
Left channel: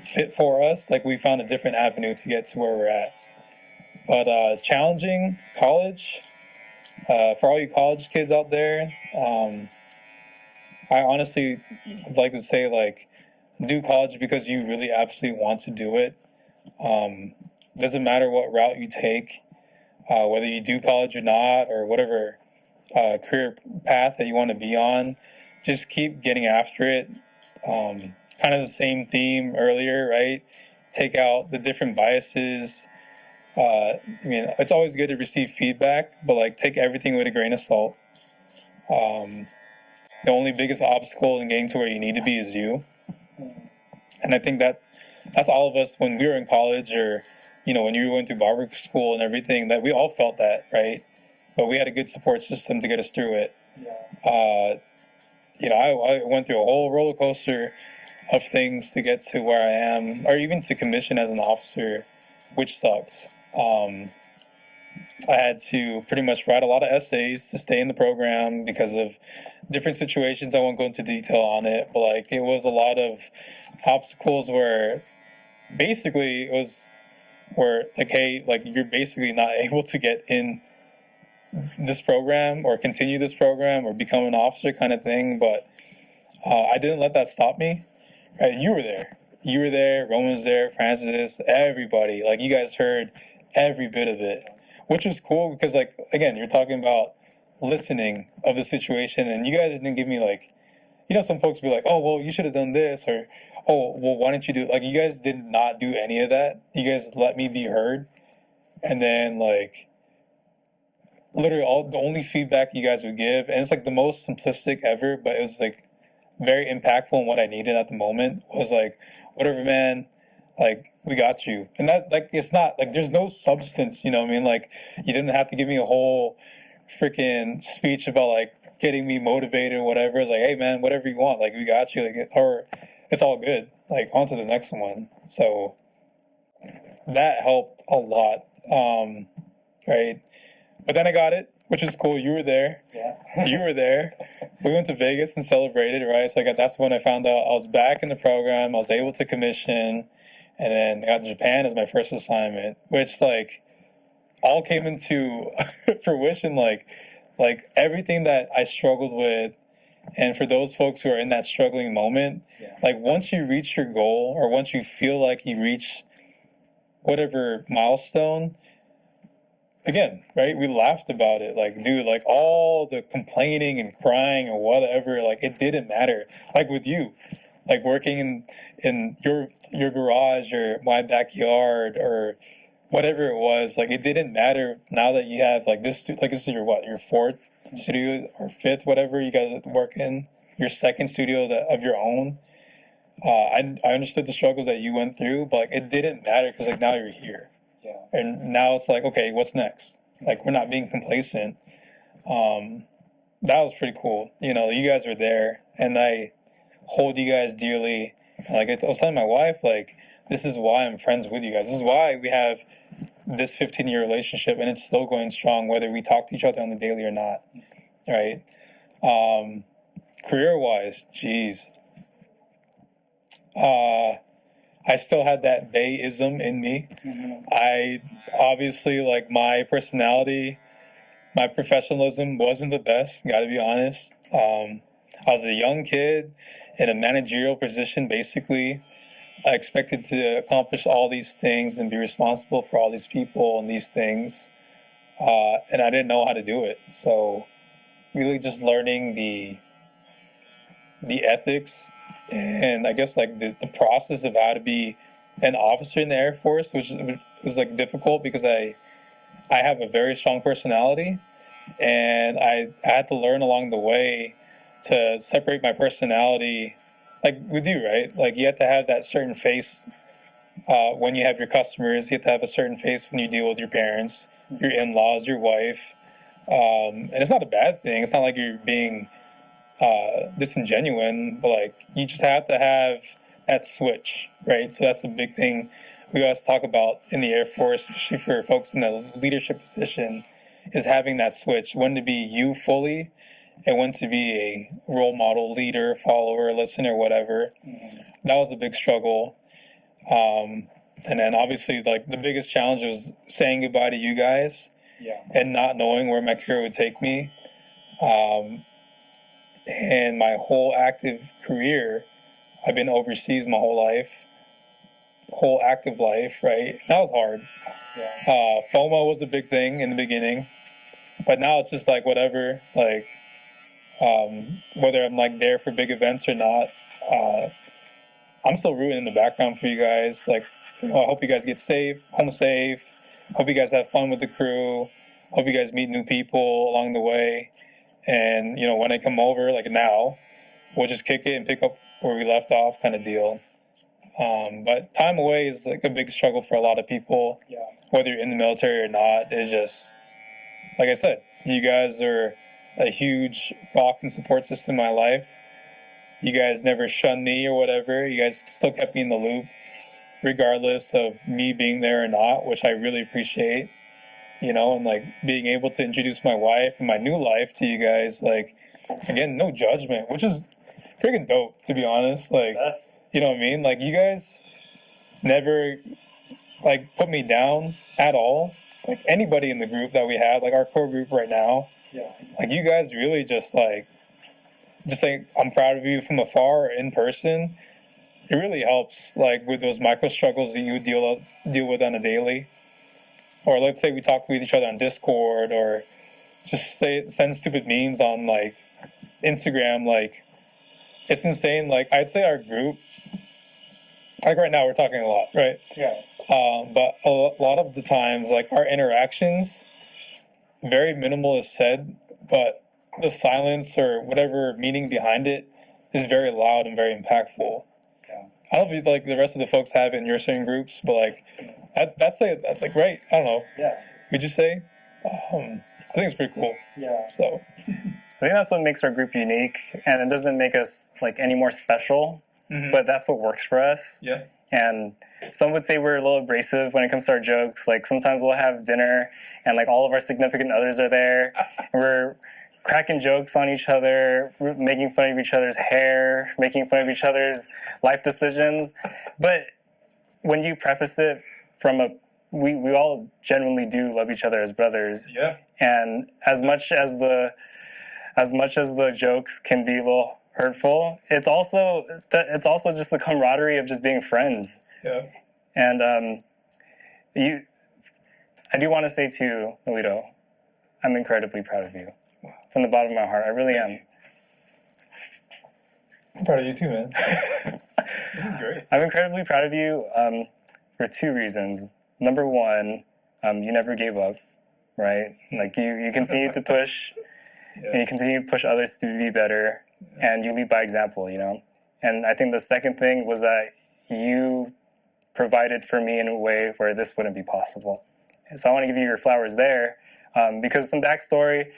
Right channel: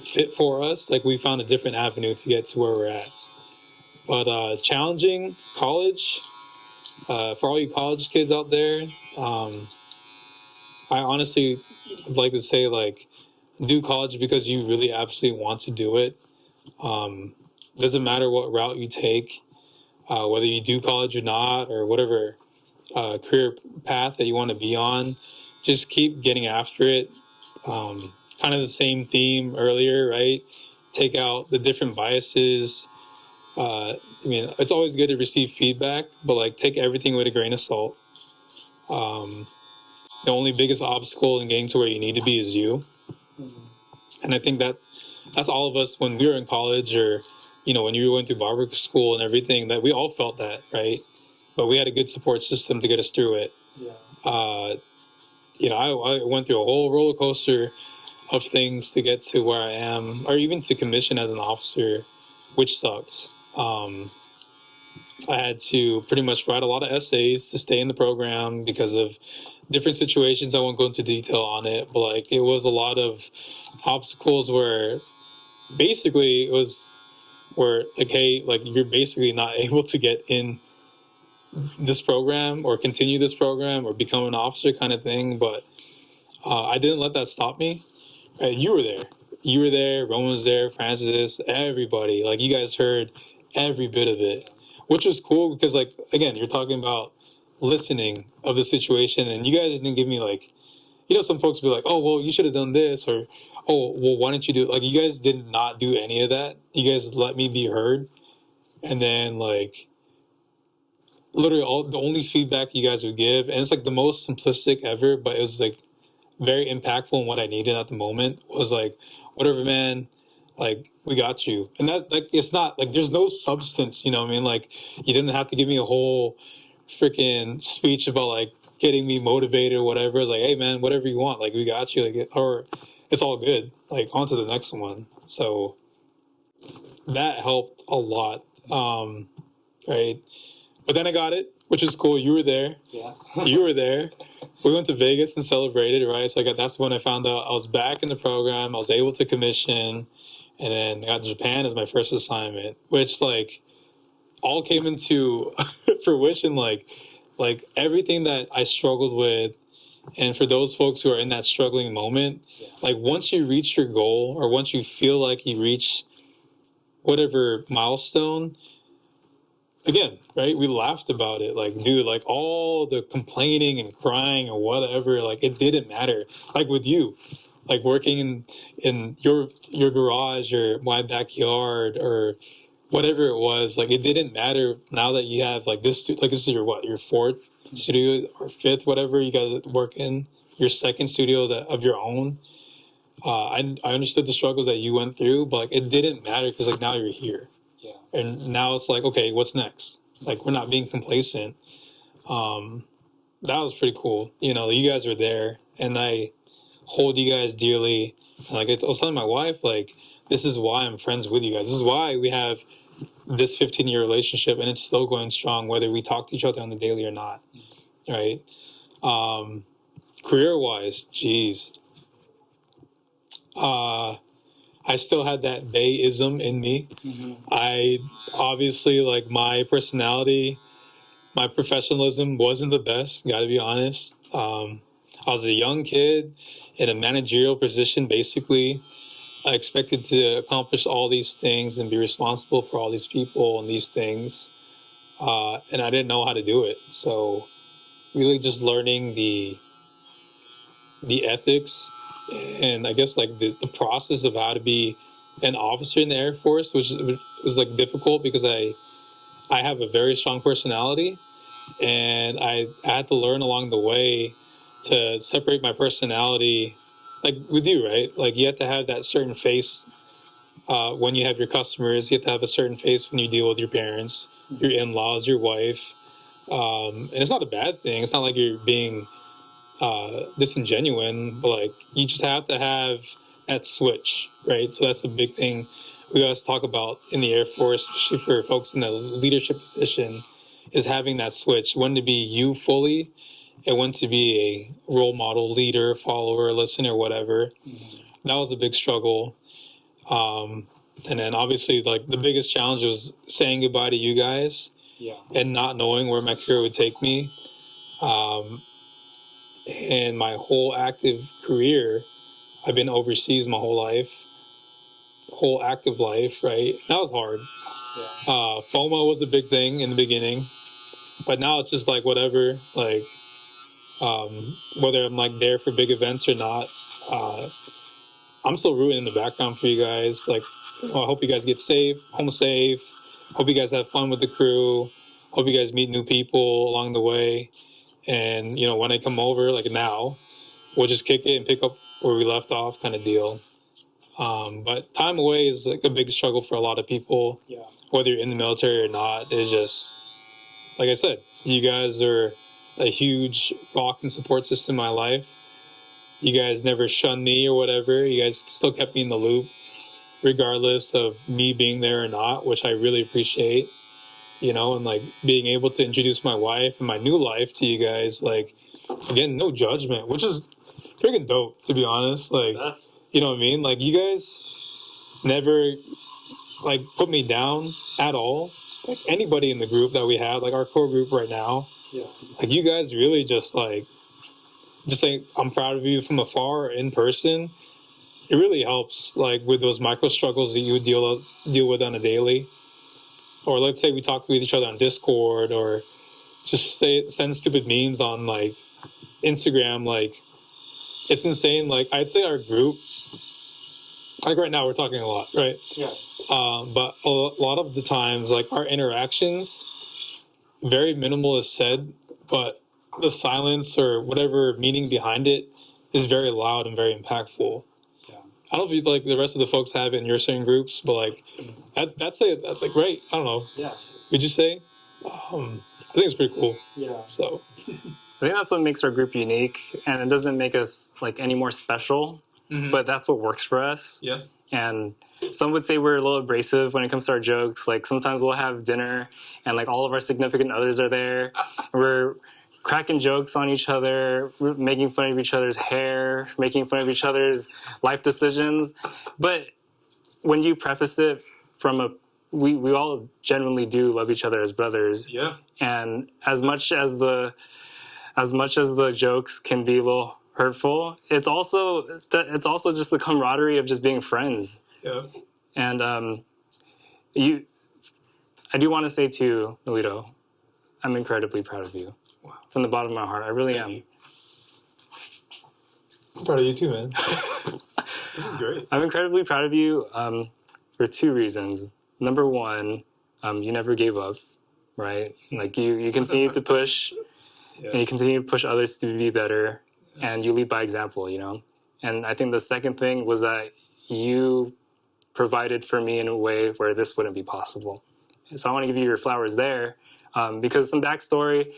fit for us, like, we found a different avenue to get to where we're at. But challenging college, for all you college kids out there, I honestly would like to say, like, do college because you really absolutely want to do it. Doesn't matter what route you take, whether you do college or not, or whatever career path that you want to be on, just keep getting after it. Kind of the same theme earlier, right? Take out the different biases, I mean, it's always good to receive feedback, but like take everything with a grain of salt. The only biggest obstacle in getting to where you need to be is you. And I think that's all of us when we were in college, or when you were going through barber school and everything, that we all felt that, right? But we had a good support system to get us through it. Uh, I went through a whole roller coaster of things to get to where I am, or even to commission as an officer, which sucks. I had to pretty much write a lot of essays to stay in the program because of different situations. I won't go into detail on it, but like it was a lot of obstacles where basically it was where like, hey, like you're basically not able to get in this program or continue this program or become an officer kind of thing. But I didn't let that stop me. Right? You were there. You were there. Roman was there. Francis, everybody. Like you guys heard every bit of it, which was cool because like again, you're talking about listening of the situation, and you guys didn't give me like, some folks be like, oh well, you should have done this, or oh well, why didn't you do it? Like you guys did not do any of that. You guys let me be heard, and then like literally the only feedback you guys would give, and it's like the most simplistic ever, but it was like very impactful, and what I needed at the moment was like, whatever, man, like we got you. And that like it's not like there's no substance, you know what I mean? Like you didn't have to give me a whole freaking speech about like getting me motivated or whatever. It's like, hey man, whatever you want, like we got you, like or it's all good, like on to the next one. So that helped a lot. Right, but then I got it, which is cool. You were there. Yeah. You were there. We went to Vegas and celebrated, right? So that's when I found out I was back in the program. I was able to commission, and then I got Japan as my first assignment, which like all came into fruition. Like everything that I struggled with, and for those folks who are in that struggling moment, like once you reach your goal or once you feel like you reach whatever milestone, again, right? We laughed about it. Like, dude, like all the complaining and crying and whatever, like it didn't matter. Like with you, like working in your garage or my backyard or whatever it was, like it didn't matter now that you have like this is your what, your fourth studio or fifth, whatever you guys work in, your second studio of your own. I understood the struggles that you went through, but like it didn't matter because like now you're here. And now it's like, okay, what's next? Like, we're not being complacent. That was pretty cool. You guys were there, and I hold you guys dearly. And like I was telling my wife, like, this is why I'm friends with you guys. This is why we have this 15-year relationship, and it's still going strong, whether we talk to each other on the daily or not. Right? Career-wise, geez. I still had that Bayism in me. I obviously, like, my personality, my professionalism wasn't the best, gotta be honest. I was a young kid in a managerial position, basically. I expected to accomplish all these things and be responsible for all these people and these things. And I didn't know how to do it. So really just learning the ethics and I guess like the process of how to be an officer in the Air Force, which was like difficult because I have a very strong personality, and I had to learn along the way to separate my personality, like with you, right? Like you have to have that certain face when you have your customers. You have to have a certain face when you deal with your parents, your in-laws, your wife, and it's not a bad thing. It's not like you're being disingenuine, but like you just have to have that switch, right? So that's a big thing we always talk about in the Air Force, especially for folks in the leadership position, is having that switch, when to be you fully and when to be a role model, leader, follower, listener, whatever. That was a big struggle. And then obviously like the biggest challenge was saying goodbye to you guys and not knowing where my career would take me. And my whole active career, I've been overseas my whole life, whole active life, right? That was hard. FOMO was a big thing in the beginning, but now it's just like whatever, like whether I'm like there for big events or not, I'm still rooting in the background for you guys. Like, I hope you guys get safe, home safe, hope you guys have fun with the crew. Hope you guys meet new people along the way. And, you know, when I come over, like now, we'll just kick it and pick up where we left off kind of deal. But time away is like a big struggle for a lot of people. Yeah. Whether you're in the military or not, it's just, like I said, you guys are a huge rock and support system in my life. You guys never shunned me or whatever. You guys still kept me in the loop, regardless of me being there or not, which I really appreciate. You know, and like being able to introduce my wife and my new life to you guys, like, again, no judgment, which is freaking dope, to be honest. Like, you know what I mean? Like, you guys never like put me down at all. Like anybody in the group that we have, like our core group right now, like you guys really just like I'm proud of you from afar or in person. It really helps, like with those micro struggles that you deal with on a daily. Or let's say we talk with each other on Discord, or just send stupid memes on like Instagram. Like, it's insane. Like, I'd say our group, like right now we're talking a lot, right? Yeah. But a lot of the times, like our interactions, very minimal is said, but the silence or whatever meaning behind it is very loud and very impactful. I don't know if you, like the rest of the folks have it in your certain groups, but like that's like right. I don't know. Yeah. Would you say? I think it's pretty cool. Yeah. So I think that's what makes our group unique, and it doesn't make us like any more special, but that's what works for us. yeah. And some would say we're a little abrasive when it comes to our jokes. Like sometimes we'll have dinner and like all of our significant others are there. And we're cracking jokes on each other, making fun of each other's hair, making fun of each other's life decisions. But when you preface it from we all genuinely do love each other as brothers. Yeah. And as much as the jokes can be a little hurtful, it's also just the camaraderie of just being friends. Yeah. And I do want to say to Noelito, I'm incredibly proud of you. Wow. From the bottom of my heart, I really am. I'm proud of you too, man. This is great. I'm incredibly proud of you for two reasons. Number one, you never gave up, right? Like you continue to push, and you continue to push others to be better, and you lead by example, you know? And I think the second thing was that you provided for me in a way where this wouldn't be possible. And so I want to give you your flowers there. Because some backstory,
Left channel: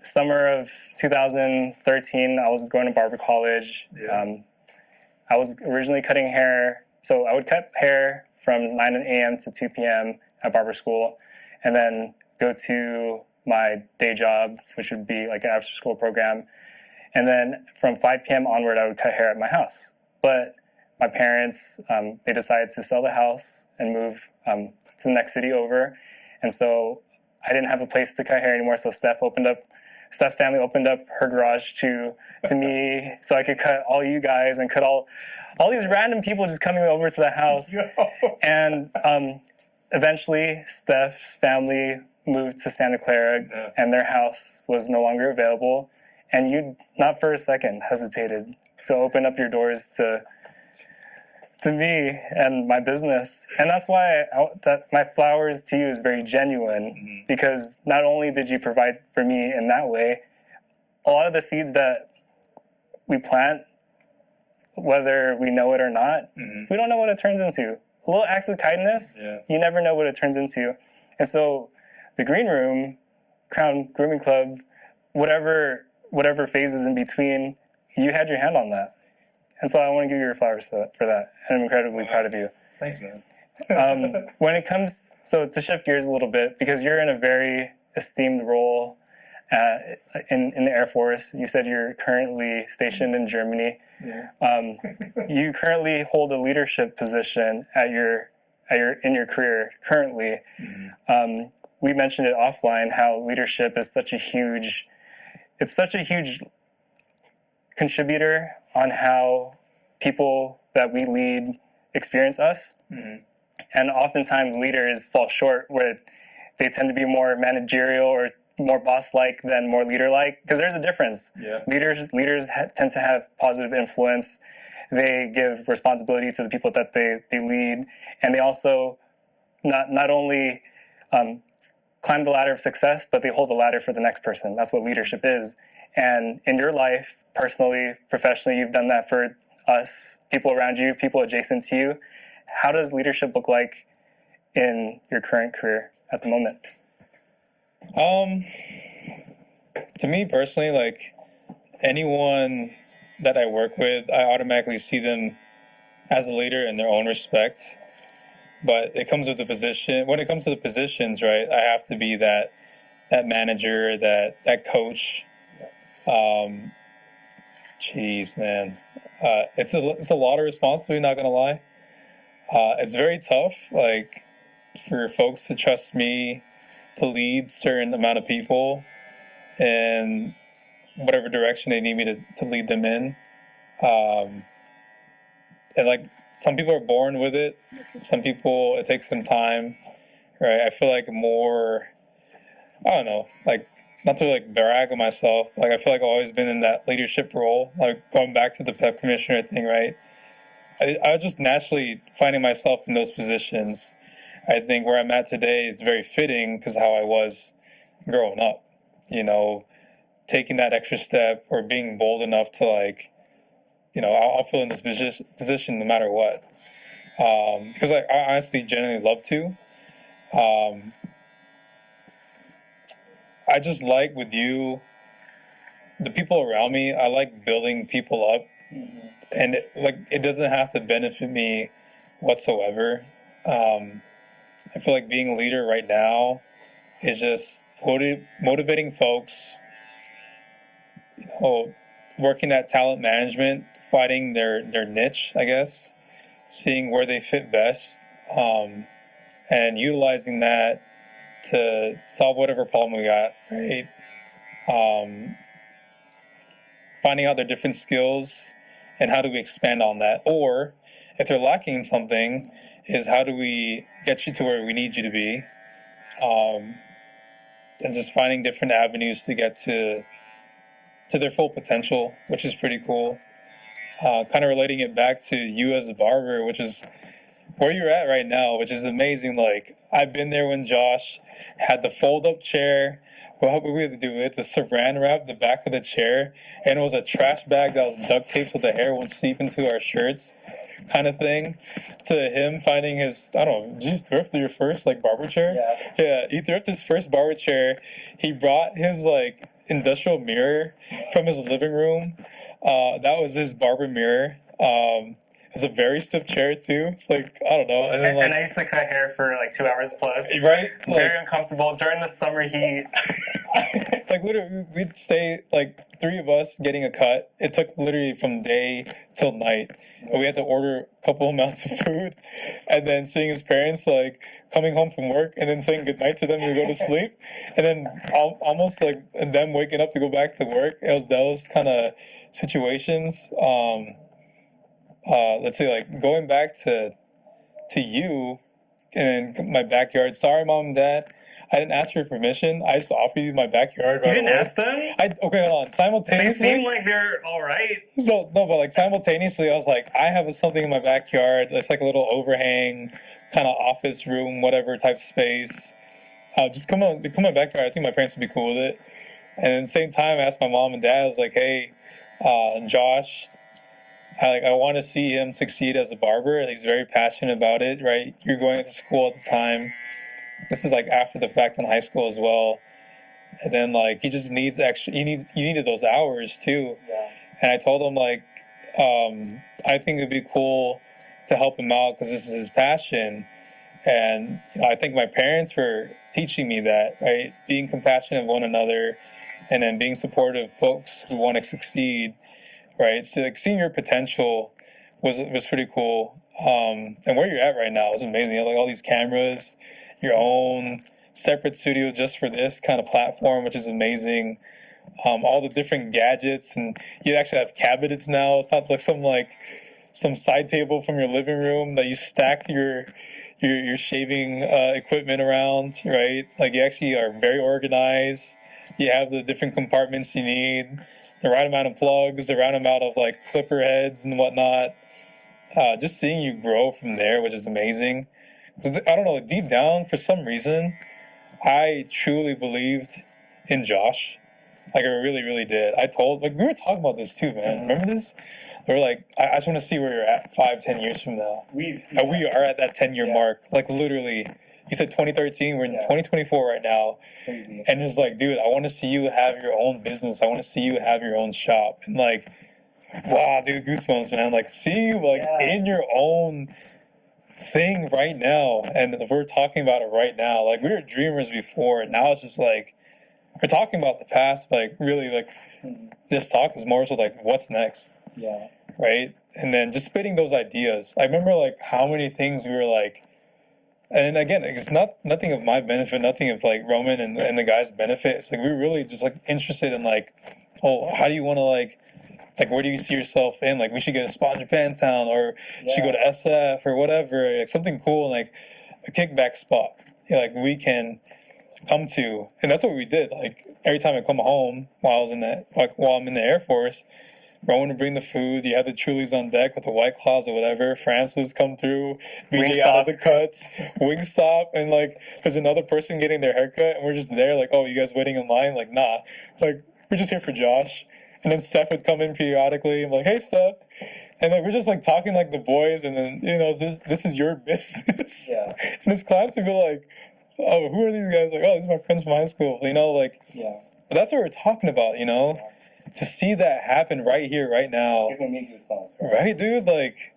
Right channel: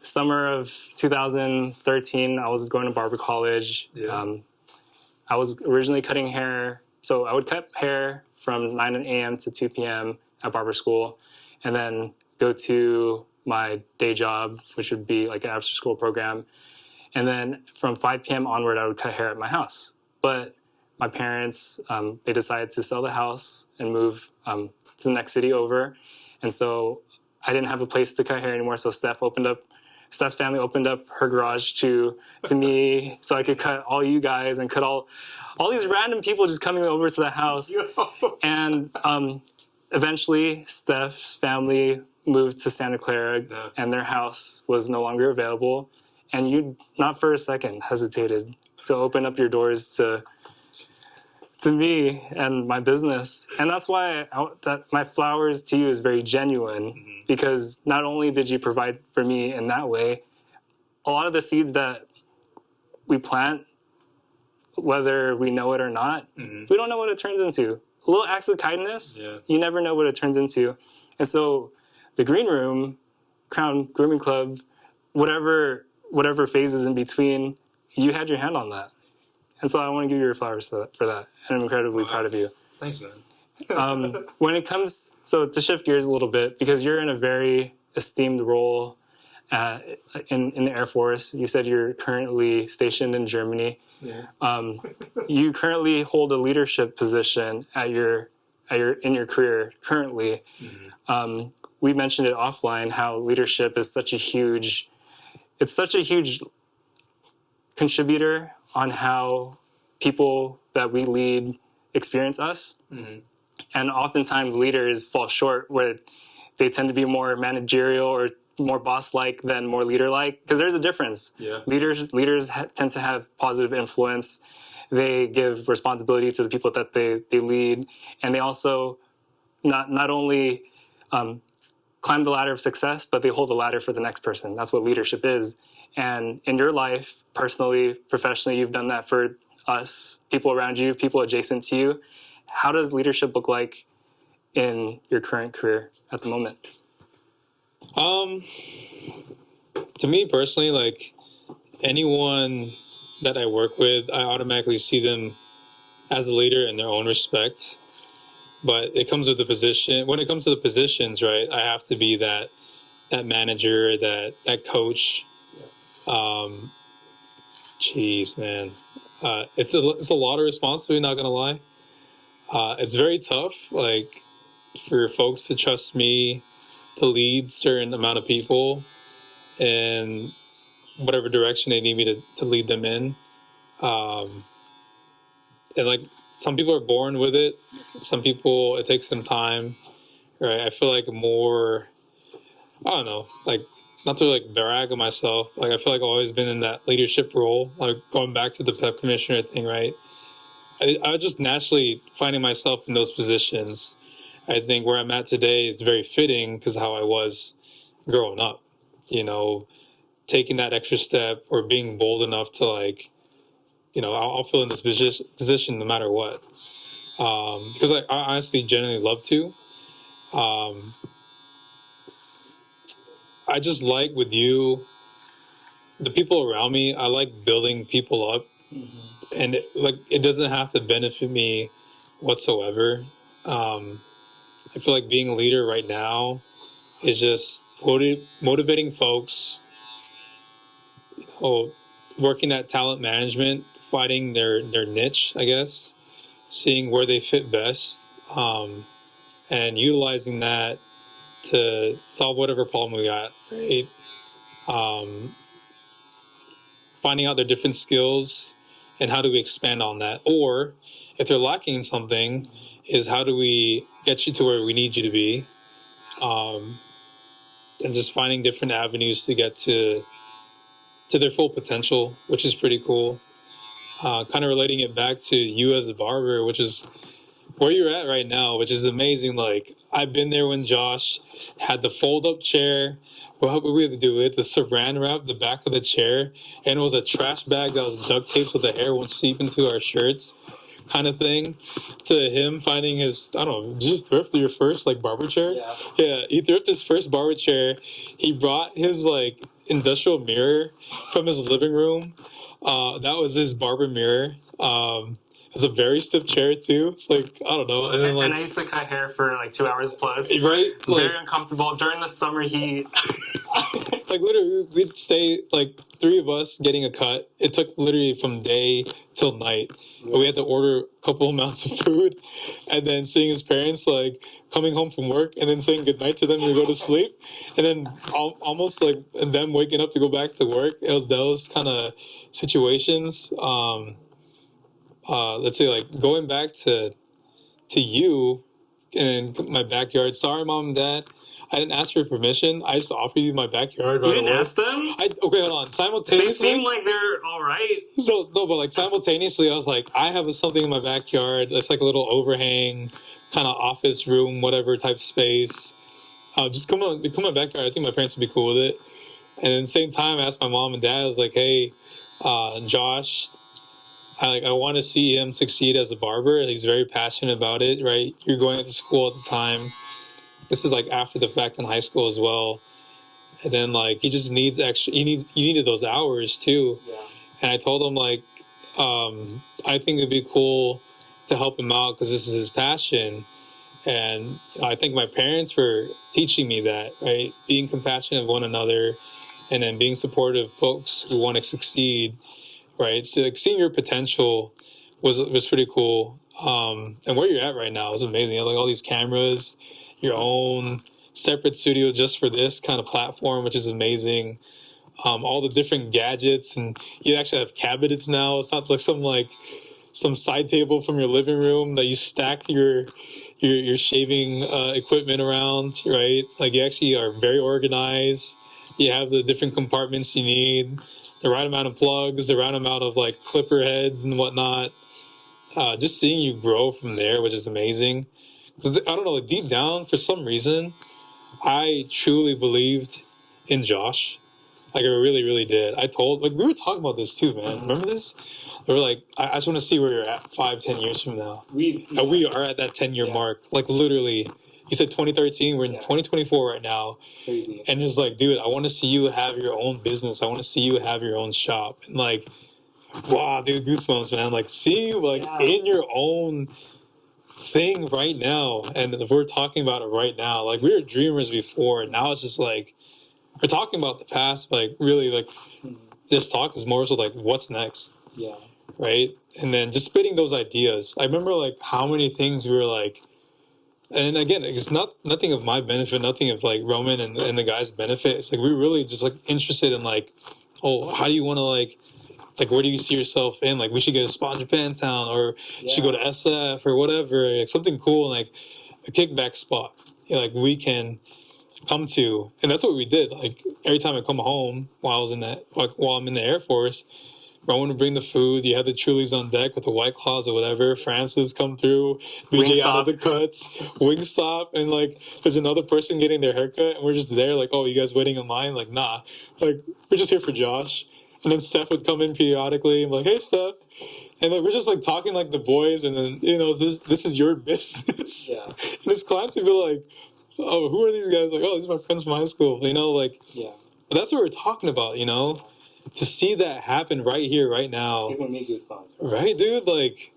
summer of 2013, I was going to Barber college. Yeah. I was originally cutting hair. So I would cut hair from 9 a.m. to 2 p.m. at barber school, and then go to my day job, which would be like an after school program. And then from 5 p.m. onward, I would cut hair at my house. But my parents, they decided to sell the house and move to the next city over. And so I didn't have a place to cut hair anymore, so Steph's family opened up her garage to me so I could cut all you guys and cut all these random people just coming over to the house. And eventually Steph's family moved to Santa Clara, and their house was no longer available. And you, not for a second, hesitated to open up your doors to me and my business. And that's why that my flowers to you is very genuine, because not only did you provide for me in that way, a lot of the seeds that we plant, whether we know it or not, we don't know what it turns into. Little acts of kindness, you never know what it turns into. And so the Green Room, Crown Grooming Club, whatever phases in between, you had your hand on that. And so I want to give you your flowers for that. And I'm incredibly proud of you. Thanks, man. When it comes, so to shift gears a little bit, because you're in a very esteemed role in the Air Force. You said you're currently stationed in Germany. Yeah. You currently hold a leadership position in your career currently. We mentioned it offline, how leadership is such a huge contributor on how people that we lead experience us. And oftentimes leaders fall short where they tend to be more managerial or more boss-like than more leader-like, because there's a difference. Leaders tend to have positive influence. They give responsibility to the people that they lead, and they also not only climb the ladder of success, but they hold the ladder for the next person. That's what leadership is. And in your life, personally, professionally, you've done that for us, people around you, people adjacent to you. How does leadership look like in your current career at the moment? To me personally, like anyone that I work with, I automatically see them as a leader in their own respect. But it comes with the position. When it comes to the positions, right, I have to be that manager, that coach. Jeez, man, it's a lot of responsibility. Not gonna lie, it's very tough. Like for folks to trust me to lead certain amount of people in whatever direction they need me to lead them in. And like some people are born with it. Some people, it takes some time, right? I feel like more, I don't know, like not to like brag on myself. Like I feel like I've always been in that leadership role, like going back to the PEP commissioner thing, right? I was just naturally finding myself in those positions. I think where I'm at today is very fitting because of how I was growing up, you know, taking that extra step or being bold enough to like, you know, I'll fill in this position no matter what. Because I honestly genuinely love to. I just like with you, the people around me, I like building people up. Mm-hmm. And it doesn't have to benefit me whatsoever. I feel like being a leader right now is just motivating folks, you know, working that talent management, finding their niche, I guess, seeing where they fit best, and utilizing that to solve whatever problem we got, right? Finding out their different skills and how do we expand on that? Or if they're lacking something, is how do we get you to where we need you to be? And just finding different avenues to get to their full potential, which is pretty cool. Kind of relating it back to you as a barber, which is where you're at right now, which is amazing. Like I've been there when Josh had the fold-up chair. What we had to do with the saran wrap the back of the chair, and it was a trash bag that was duct taped so the hair won't seep into our shirts, kind of thing. To him finding his, I don't know, did you thrift your first like barber chair? Yeah, he thrifted his first barber chair. He brought his like industrial mirror from his living room. That was his barber mirror. It's a very stiff chair too. It's like I don't know. And then and I used to cut hair for like 2 hours plus. Right? Very uncomfortable during the summer heat. Like literally, we'd stay like 3 of us getting a cut. It took literally from day till night. We had to order a couple amounts of food, and then seeing his parents like coming home from work, and then saying goodnight to them to go to sleep, and then almost like them waking up to go back to work. It was those kind of situations. Let's say like going back to you in my backyard. Sorry, mom and dad, I didn't ask for permission. I just offered you my backyard. You didn't ask them? Okay, hold on. Simultaneously, they seem like they're all right. So no, but like simultaneously, I was like, I have something in my backyard. It's like a little overhang, kind of office room, whatever type space. Just come my backyard. I think my parents would be cool with it. And at the same time, I asked my mom and dad. I was like, hey, Josh, I want to see him succeed as a barber. He's very passionate about it, right? You're going to school at the time. This is like after the fact in high school as well. And then like he just needs extra. You needed those hours too. Yeah. And I told him like, I think it'd be cool to help him out because this is his passion. And you know, I think my parents were teaching me that, right? Being compassionate of one another, and then being supportive of folks who want to succeed. Right, so like seeing your potential was pretty cool, and where you're at right now is amazing. You have like all these cameras, your own separate studio just for this kind of platform, which is amazing. All the different gadgets, and you actually have cabinets now. It's not like some side table from your living room that you stack your shaving equipment around. Right, like you actually are very organized. You have the different compartments you need, the right amount of plugs, the right amount of like clipper heads and whatnot. Just seeing you grow from there, which is amazing. I don't know, deep down, for some reason, I truly believed in Josh. Like, I really, really did. I told, like, we were talking about this too, man. Remember this? We were like, I just want to see where you're at 5-10 years from now. And we are at that 10-year mark. Like, literally, you said 2013, we're in 2024 right now. Crazy. And it's like, dude, I want to see you have your own business. I want to see you have your own shop. And like, wow, dude, goosebumps, man. Like, seeing you like in your own thing right now. And we're talking about it right now. Like, we were dreamers before, and now it's just like, we're talking about the past, like really, like this talk is more so like what's next, right? And then just spitting those ideas. I remember like how many things we were like, and again, it's nothing of my benefit, nothing of like Roman and the guys' benefit. It's like we were really just like interested in like, oh, how do you want to like where do you see yourself in? Like, we should get a spot in Japantown, or you should go to SF or whatever, like something cool, like a kickback spot. Like we can come to, and that's what we did. Like every time I come home while I'm in the Air Force, Rowan would bring the food. You had the Trulies on deck with the White Claws or whatever. Francis come through, BJ out of the cuts, Wingstop, and like there's another person getting their haircut, and we're just there like, oh, you guys waiting in line? Like, nah, like we're just here for Josh. And then Steph would come in periodically. I'm like, hey, Steph. And like we're just like talking like the boys, and then this is your business. And his clients would be like, oh, who are these guys? Like, oh, these are my friends from high school. Like, but that's what we're talking about, to see that happen right here, right now. It's giving me goosebumps, bro. Right, dude? Like,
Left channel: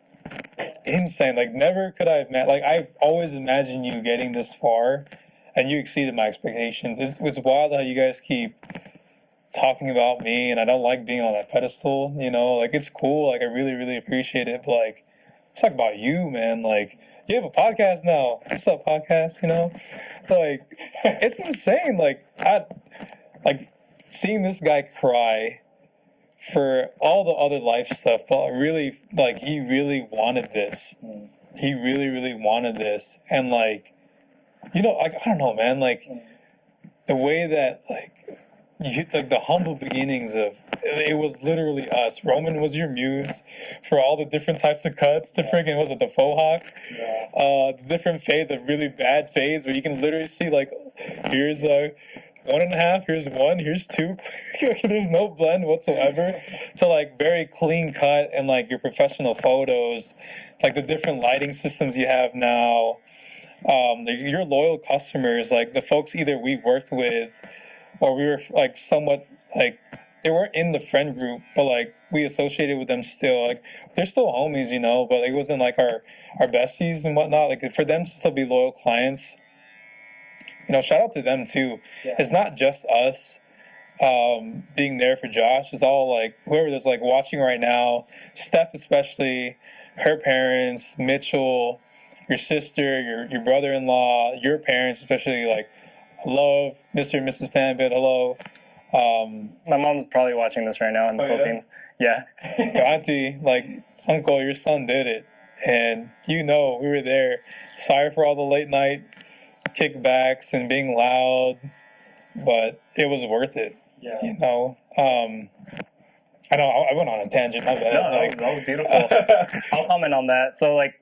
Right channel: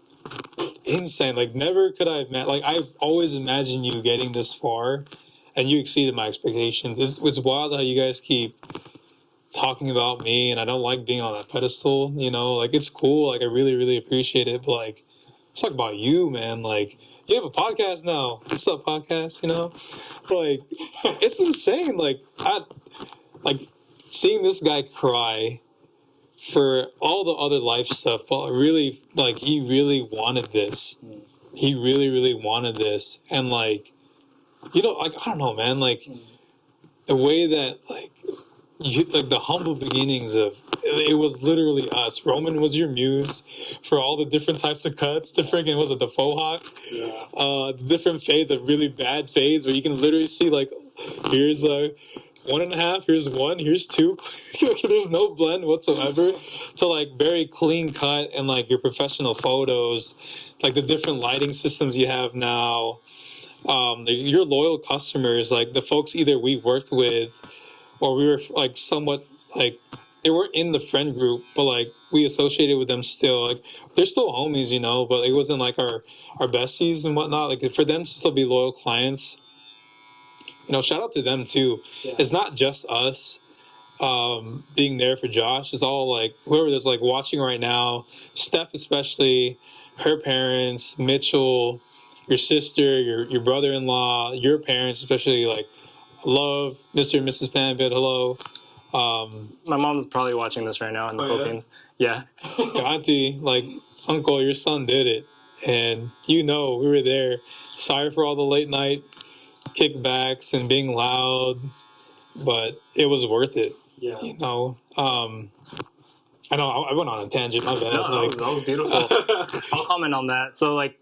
insane. Like, never could I like, I've always imagined you getting this far, and you exceeded my expectations. It's wild how you guys keep talking about me, and I don't like being on that pedestal, like, it's cool. Like, I really, really appreciate it, but like, let's talk about you, man. Like, you have a podcast now. What's up, podcast? Like, it's insane. Like, seeing this guy cry for all the other life stuff, but really, like, he really wanted this. He really, really wanted this. And like, like, I don't know, man. Like, the way that, like the humble beginnings of it was literally us. Roman was your muse for all the different types of cuts. The freaking, was it the faux hawk? The different fade, the really bad fades where you can literally see like, here's 1.5, here's 1, here's 2. There's no blend whatsoever, to like very clean cut, and like your professional photos, like the different lighting systems you have now. Your loyal customers, like the folks either we worked with or we were like somewhat like, they weren't in the friend group, but like we associated with them still. Like, they're still homies, but it wasn't like our besties and whatnot. Like, for them to still be loyal clients, shout out to them too. It's not just us being there for Josh. It's all like whoever that's like watching right now, Steph especially, her parents, Mitchell, your sister, your brother-in-law, your parents especially. Like, love Mr. and Mrs. Panbit. Hello. My mom's probably watching this right now in the Philippines. Yeah. Auntie, like, uncle, your son did it. And we were there. Sorry for all the late night kickbacks and being loud, but it was worth it. I know I went on a tangent, my bad. No, that was beautiful. I'll comment on that. So like,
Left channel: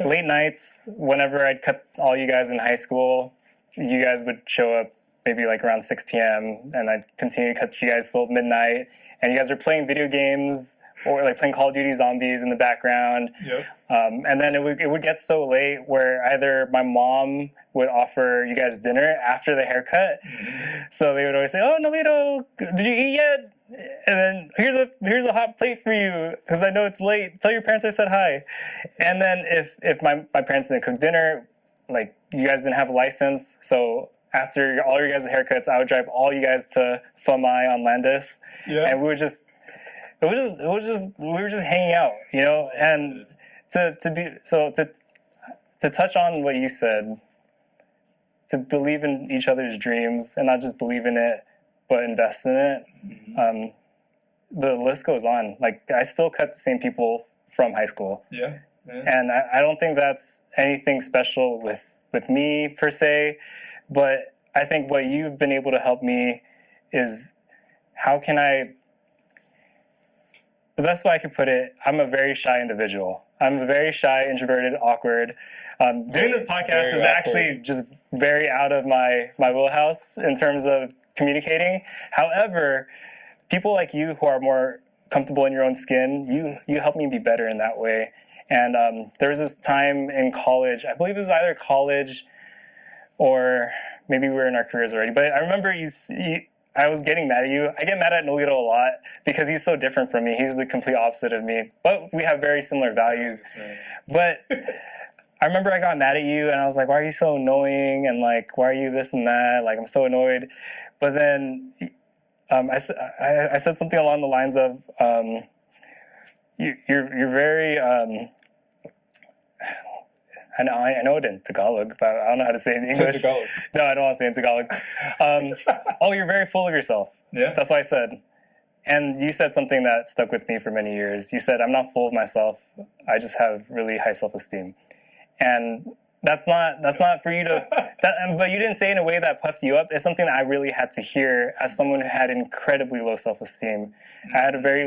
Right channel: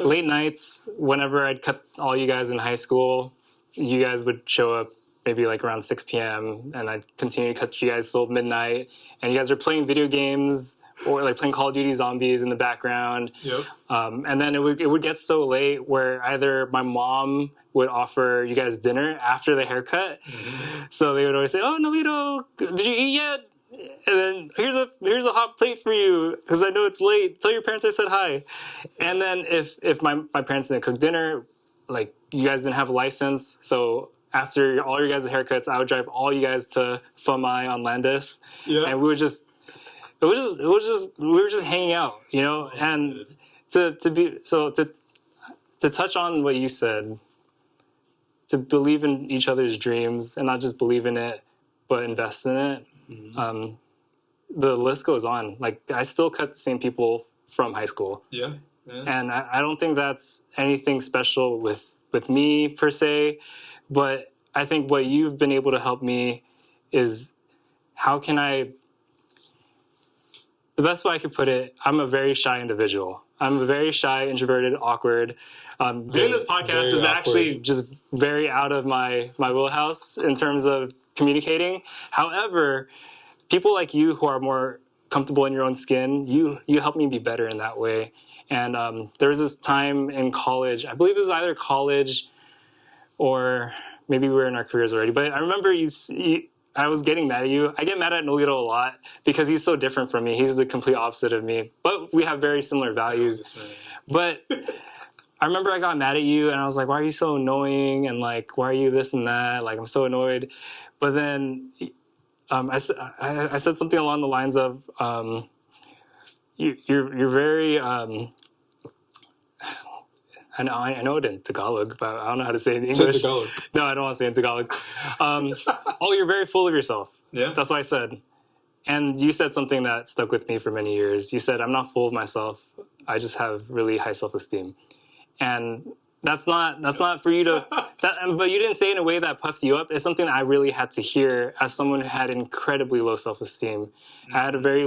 late nights, whenever I'd cut all you guys in high school, you guys would show up maybe like around 6 p.m. and I'd continue to cut you guys till midnight, and you guys are playing video games or like playing Call of Duty Zombies in the background. And then it would get so late where either my mom would offer you guys dinner after the haircut. So they would always say, oh, Noelito, did you eat yet? And then here's a hot plate for you because I know it's late. Tell your parents I said hi. And then if my parents didn't cook dinner, like, you guys didn't have a license, so after all your guys' haircuts, I would drive all you guys to Famai on Landis, and we were just hanging out, and to touch on what you said, to believe in each other's dreams and not just believe in it, but invest in it. The list goes on. Like, I still cut the same people from high school. And I don't think that's anything special with me per se, but I think what you've been able to help me is how can I the best way I could put it, I'm a very shy individual. I'm a very shy, introverted, awkward. Doing this podcast is actually just very out of my wheelhouse in terms of communicating. However, people like you who are more comfortable in your own skin, you help me be better in that way. And there was this time in college, I believe it was either college or maybe we were in our careers already, but I remember I was getting mad at you. I get mad at Noelito a lot because he's so different from me. He's the complete opposite of me, but we have very similar values. But I remember I got mad at you and I was like, why are you so annoying? And like, why are you this and that? Like, I'm so annoyed. But then I said something along the lines of, you're very, I know it in Tagalog, but I don't know how to say it in English. Tagalog. No, I don't want to say it in Tagalog. Oh, you're very full of yourself. Yeah. That's what I said. And you said something that stuck with me for many years. You said, I'm not full of myself. I just have really high self-esteem. And that's not for you to, but you didn't say it in a way that puffed you up. It's something that I really had to hear as someone who had incredibly low self-esteem. I had very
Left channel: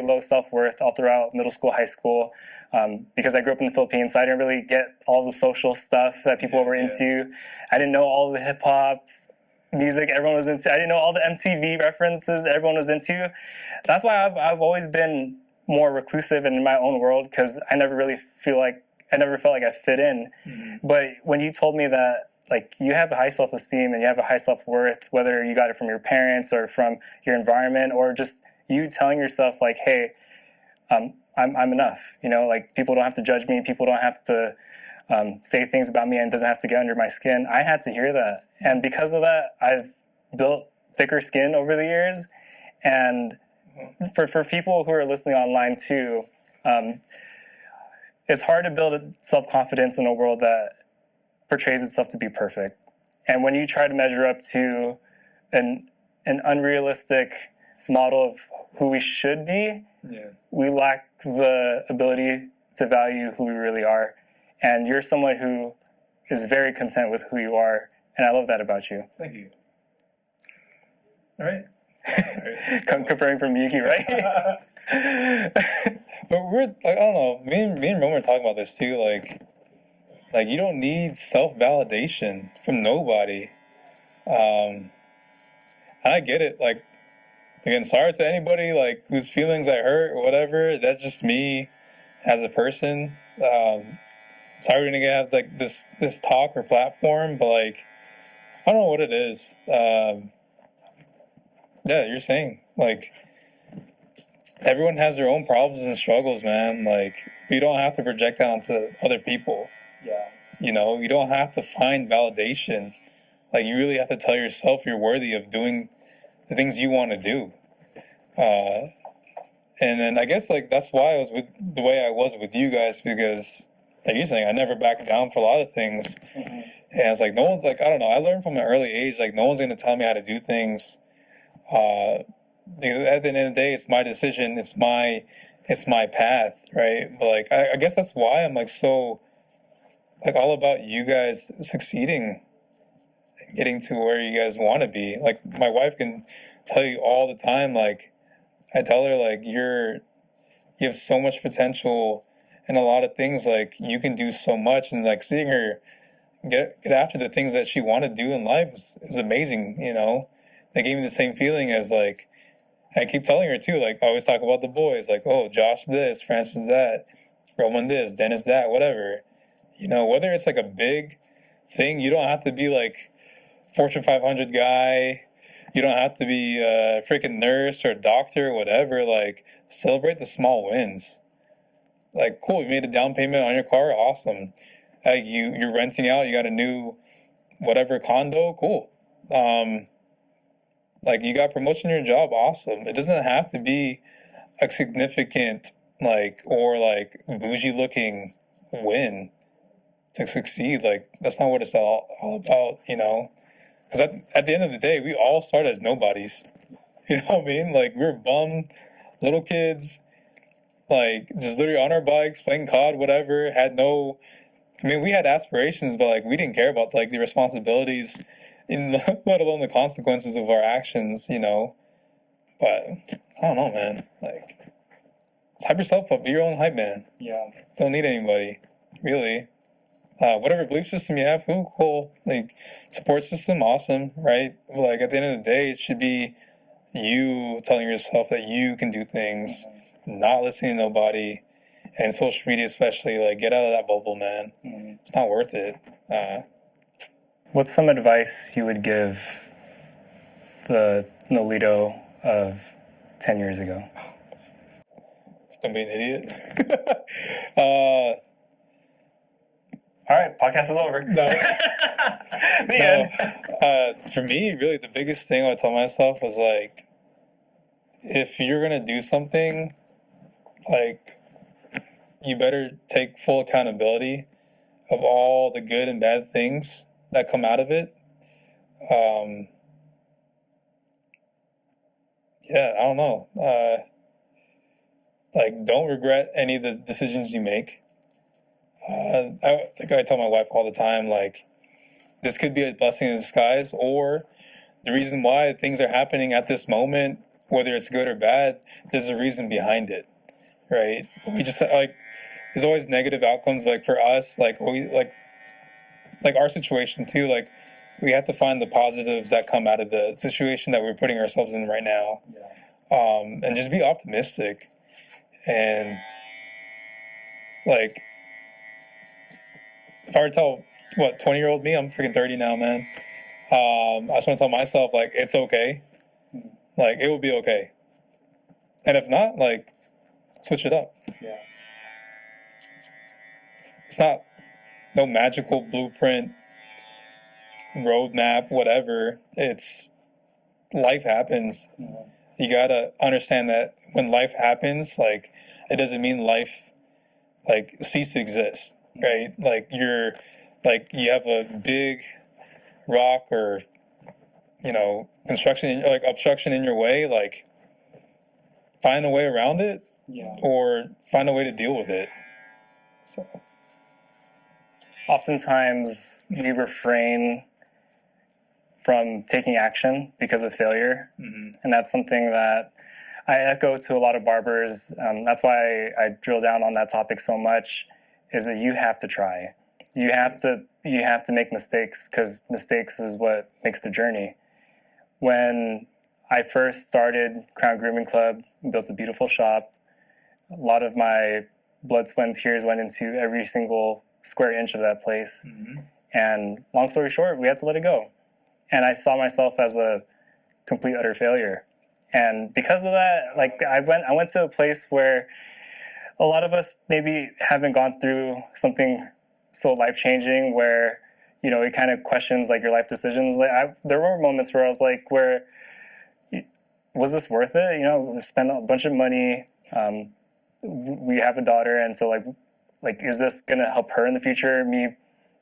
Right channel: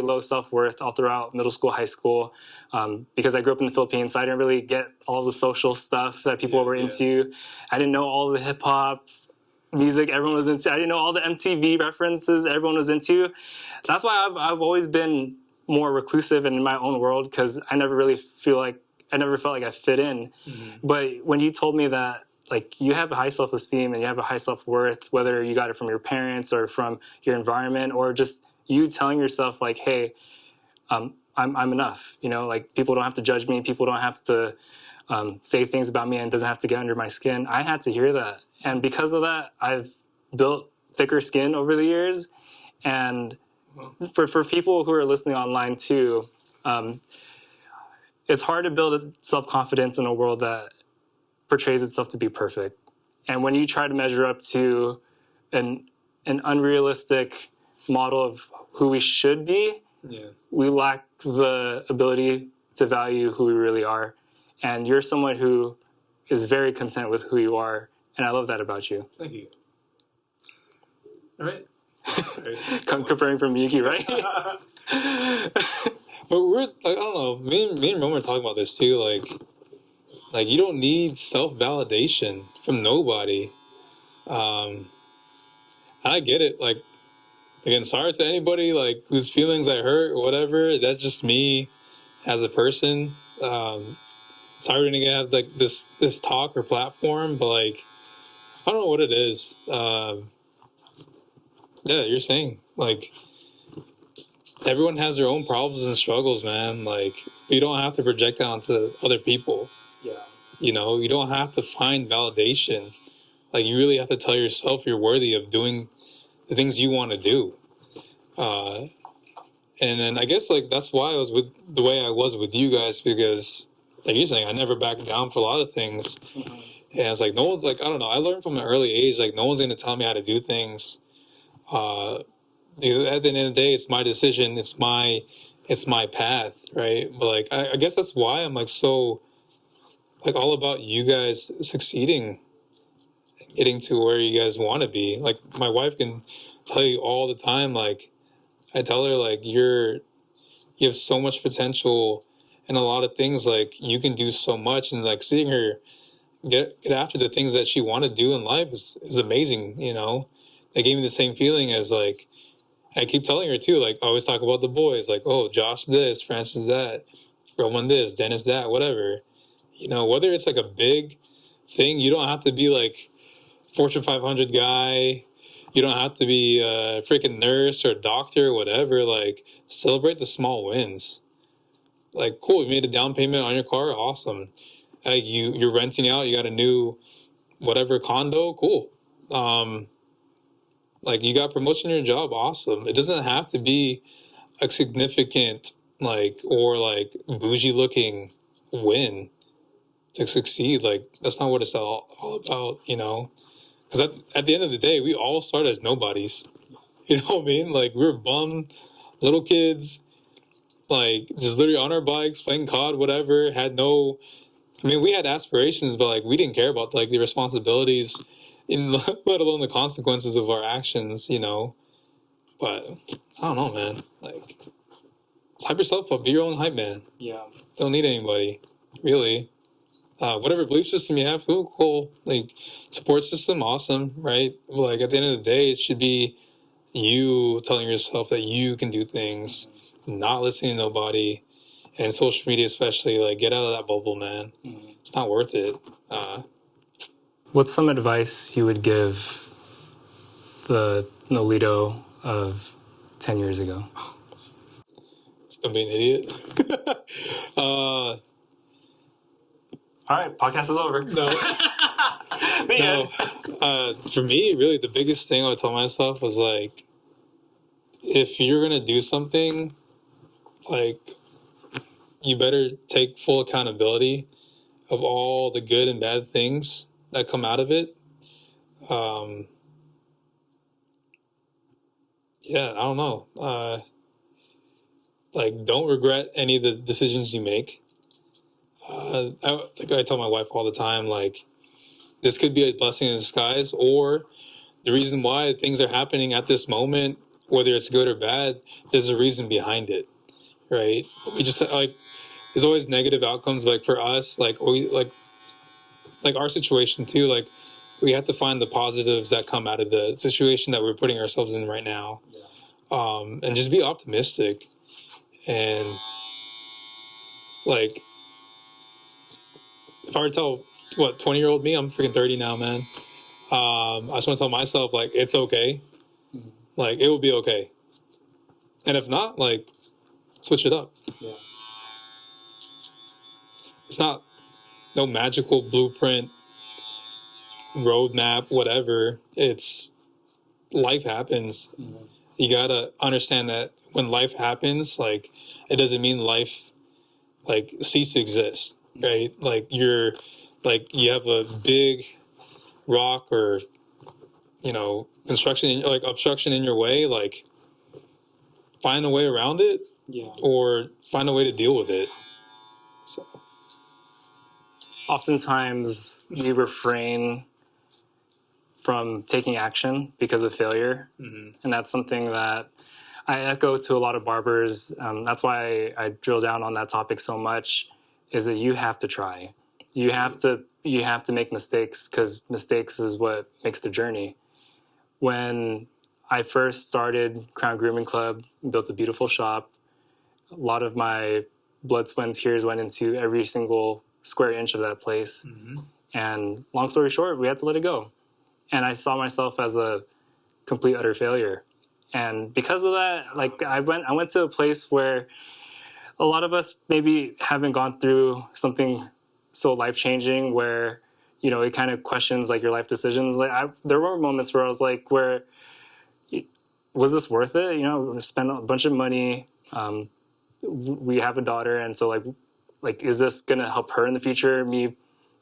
low self-worth all throughout middle school, high school, because I grew up in the Philippines, so I didn't really get all the social stuff that people were into. I didn't know all the hip hop music everyone was into. I didn't know all the MTV references everyone was into. That's why I've always been more reclusive and in my own world, because I never felt like I fit in. Mm-hmm. But when you told me that, like, you have a high self-esteem and you have a high self-worth, whether you got it from your parents or from your environment, or just you telling yourself, like, hey, I'm enough. You know, like, people don't have to judge me. People don't have to say things about me, and it doesn't have to get under my skin. I had to hear that. And because of that, I've built thicker skin over the years. And for people who are listening online too, it's hard to build self-confidence in a world that portrays itself to be perfect. And when you try to measure up to an unrealistic model of who we should be, we lack the ability to value who we really are. And you're someone who is very content with who you are. And I love that about you. Thank you. All right. Confirming from Yuki, right? But we're like, I don't know. Me and Roman were talking about this too. Like you don't need self-validation from nobody. And I get it. Like, again, sorry to anybody like whose feelings I hurt or whatever. That's just me as a person. Sorry we didn't have like this talk or platform, but like, I don't know what it is. Yeah, you're saying like, everyone has their own problems and struggles, man. Like, you don't have to project that onto other people. Yeah. You know, you don't have to find validation. Like, you really have to tell yourself you're worthy of doing the things you want to do. And then I guess, like, that's why I was with the way I was with you guys, because, like you're saying, I never backed down for a lot of things. Mm-hmm. And it's like, no one's, like, I don't know, I learned from an early age, like, no one's going to tell me how to do things. Because at the end of the day, it's my decision, it's my path, right? But like, I guess that's why I'm like so, like, all about you guys succeeding, getting to where you guys want to be. Like, my wife can tell you all the time, like, I tell her, like, you have so much potential in a lot of things, like, you can do so much, and like, seeing her get after the things that she wanted to do in life is amazing, you know? They gave me the same feeling as, like, I keep telling her too, like, I always talk about the boys, like, oh, Josh this, Francis that, Roman this, Dennis that, whatever. You know, whether it's like a big thing, you don't have to be like Fortune 500 guy. You don't have to be a freaking nurse or doctor or whatever. Like, celebrate the small wins. Like, cool, you made a down payment on your car, awesome. Like, you're renting out, you got a new whatever condo, cool. Like, you got promotion in your job, awesome. It doesn't have to be a significant, like, or like bougie looking win to succeed. Like, that's not what it's all about, you know? Because at the end of the day, we all start as nobodies. You know what I mean? Like, we were bum little kids, like, just literally on our bikes, playing COD, whatever, I mean, we had aspirations, but like, we didn't care about like the responsibilities, let alone the consequences of our actions, you know. But I don't know, man. Like, hype yourself up. Be your own hype man. Yeah. Don't need anybody, really. Whatever belief system you have, cool. Like, support system, awesome, right? Like, at the end of the day, it should be you telling yourself that you can do things, not listening to nobody, and social media especially. Like, get out of that bubble, man. It's not worth it. What's some advice you would give the Noelito of 10 years ago? Just don't be an idiot. All right, podcast is over. No. The end. For me, really, the biggest thing I told myself was like, if you're gonna do something, like, you better take full accountability of all the good and bad things that come out of it. Yeah, I don't know. Like, don't regret any of the decisions you make. I think I tell my wife all the time, like, this could be a blessing in disguise, or the reason why things are happening at this moment, whether it's good or bad, there's a reason behind it, right? We just, like, there's always negative outcomes, but, like, for us, like, we, like our situation too, like, we have to find the positives that come out of the situation that we're putting ourselves in right now. And just be optimistic. And, like, if I were to tell, 20-year-old me, I'm freaking 30 now, man. I just want to tell myself, like, it's okay. Like, it will be okay. And if not, like, switch it up. Yeah. It's not no magical blueprint, roadmap, whatever. It's life happens. You gotta understand that when life happens, like, it doesn't mean life, like, cease to exist, right? Like, you have a big rock or, construction, like, obstruction in your way, like, find a way around it, or find a way to deal with it. So, oftentimes we refrain from taking action because of failure. And that's something that I echo to a lot of barbers. That's why I drill down on that topic so much, is that you have to try. You have to make mistakes, because mistakes is what makes the journey. When I first started Crown Grooming Club, built a beautiful shop, a lot of my blood, sweat, and tears went into every single square inch of that place. And long story short, we had to let it go. And I saw myself as a complete, utter failure. And because of that, like, I went to a place where a lot of us maybe haven't gone through something so life-changing, where, it kind of questions, like, your life decisions. Like, there were moments where I was like, was this worth it? We spent a bunch of money. We have a daughter, and so, like, is this gonna help her in the future? Me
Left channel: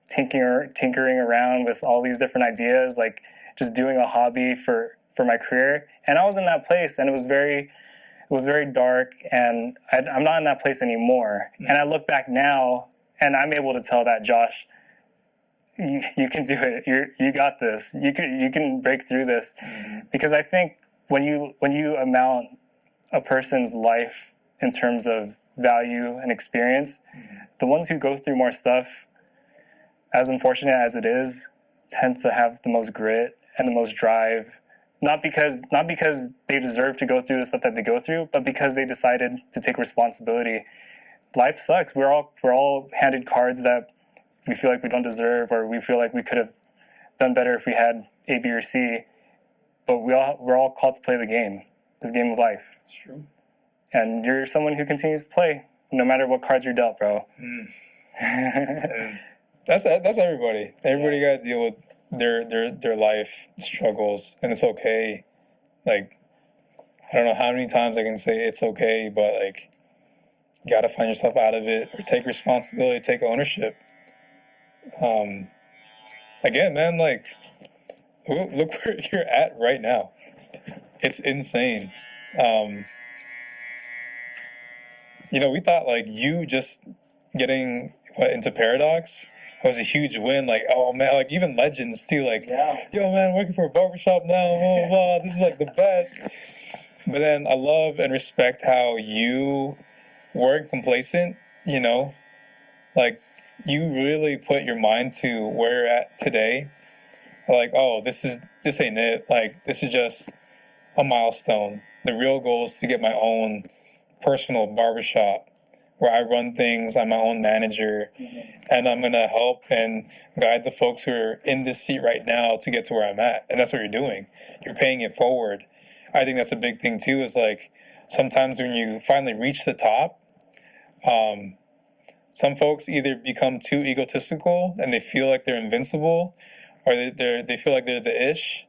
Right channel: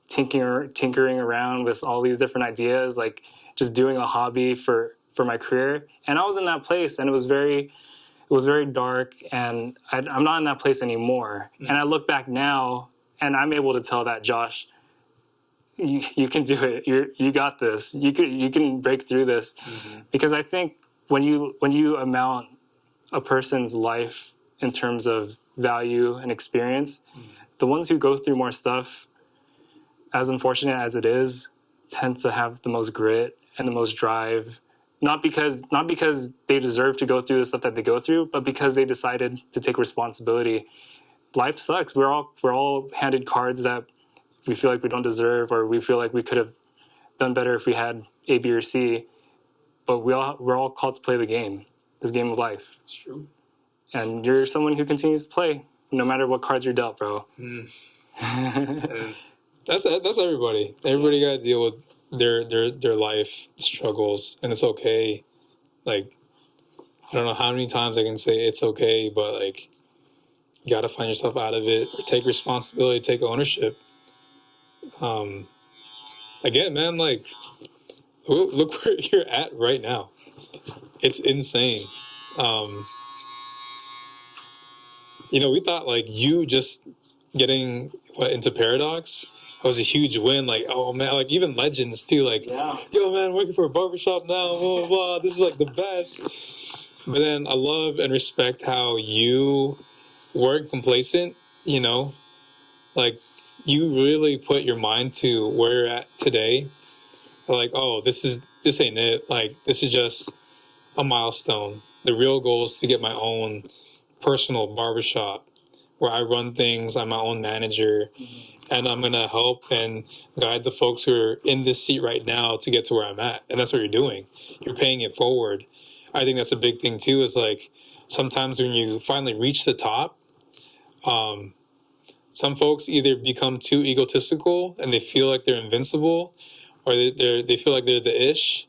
tinkering around with all these different ideas, like, just doing a hobby for my career. And I was in that place, and it was very dark, and I'm not in that place anymore. And I look back now, and I'm able to tell that, Josh, you can do it. You got this. You can break through this. Because I think when you amount a person's life in terms of value and experience, the ones who go through more stuff, as unfortunate as it is, tend to have the most grit and the most drive. Not because they deserve to go through the stuff that they go through, but because they decided to take responsibility. Life sucks. We're all handed cards that we feel like we don't deserve, or we feel like we could have done better if we had A, B, or C. But we're all called to play the game, this game of life. it's true. And you're someone who continues to play, no matter what cards you're dealt, bro. And that's everybody. Everybody got to deal with their life struggles, and it's okay. Like, I don't know how many times I can say it's okay, but, like, you got to find yourself out of it, or take responsibility, take ownership. Again, man, like, look where you're at right now. It's insane. We thought, like, you just getting into Paradox was a huge win. Like, oh man, like, even legends too, like, yo man, working for a barbershop now, blah, blah, blah. This is, like, the best. But then I love and respect how you weren't complacent, you know, like you really put your mind to where you're at today. Like, oh, this ain't it. Like, this is just a milestone. The real goal is to get my own personal barbershop where I run things. I'm my own manager, and I'm gonna help and guide the folks who are in this seat right now to get to where I'm at. And that's what you're doing. You're paying it forward. I think that's a big thing too. Is like sometimes when you finally reach the top, some folks either become too egotistical and they feel like they're invincible, or they feel like they're the ish,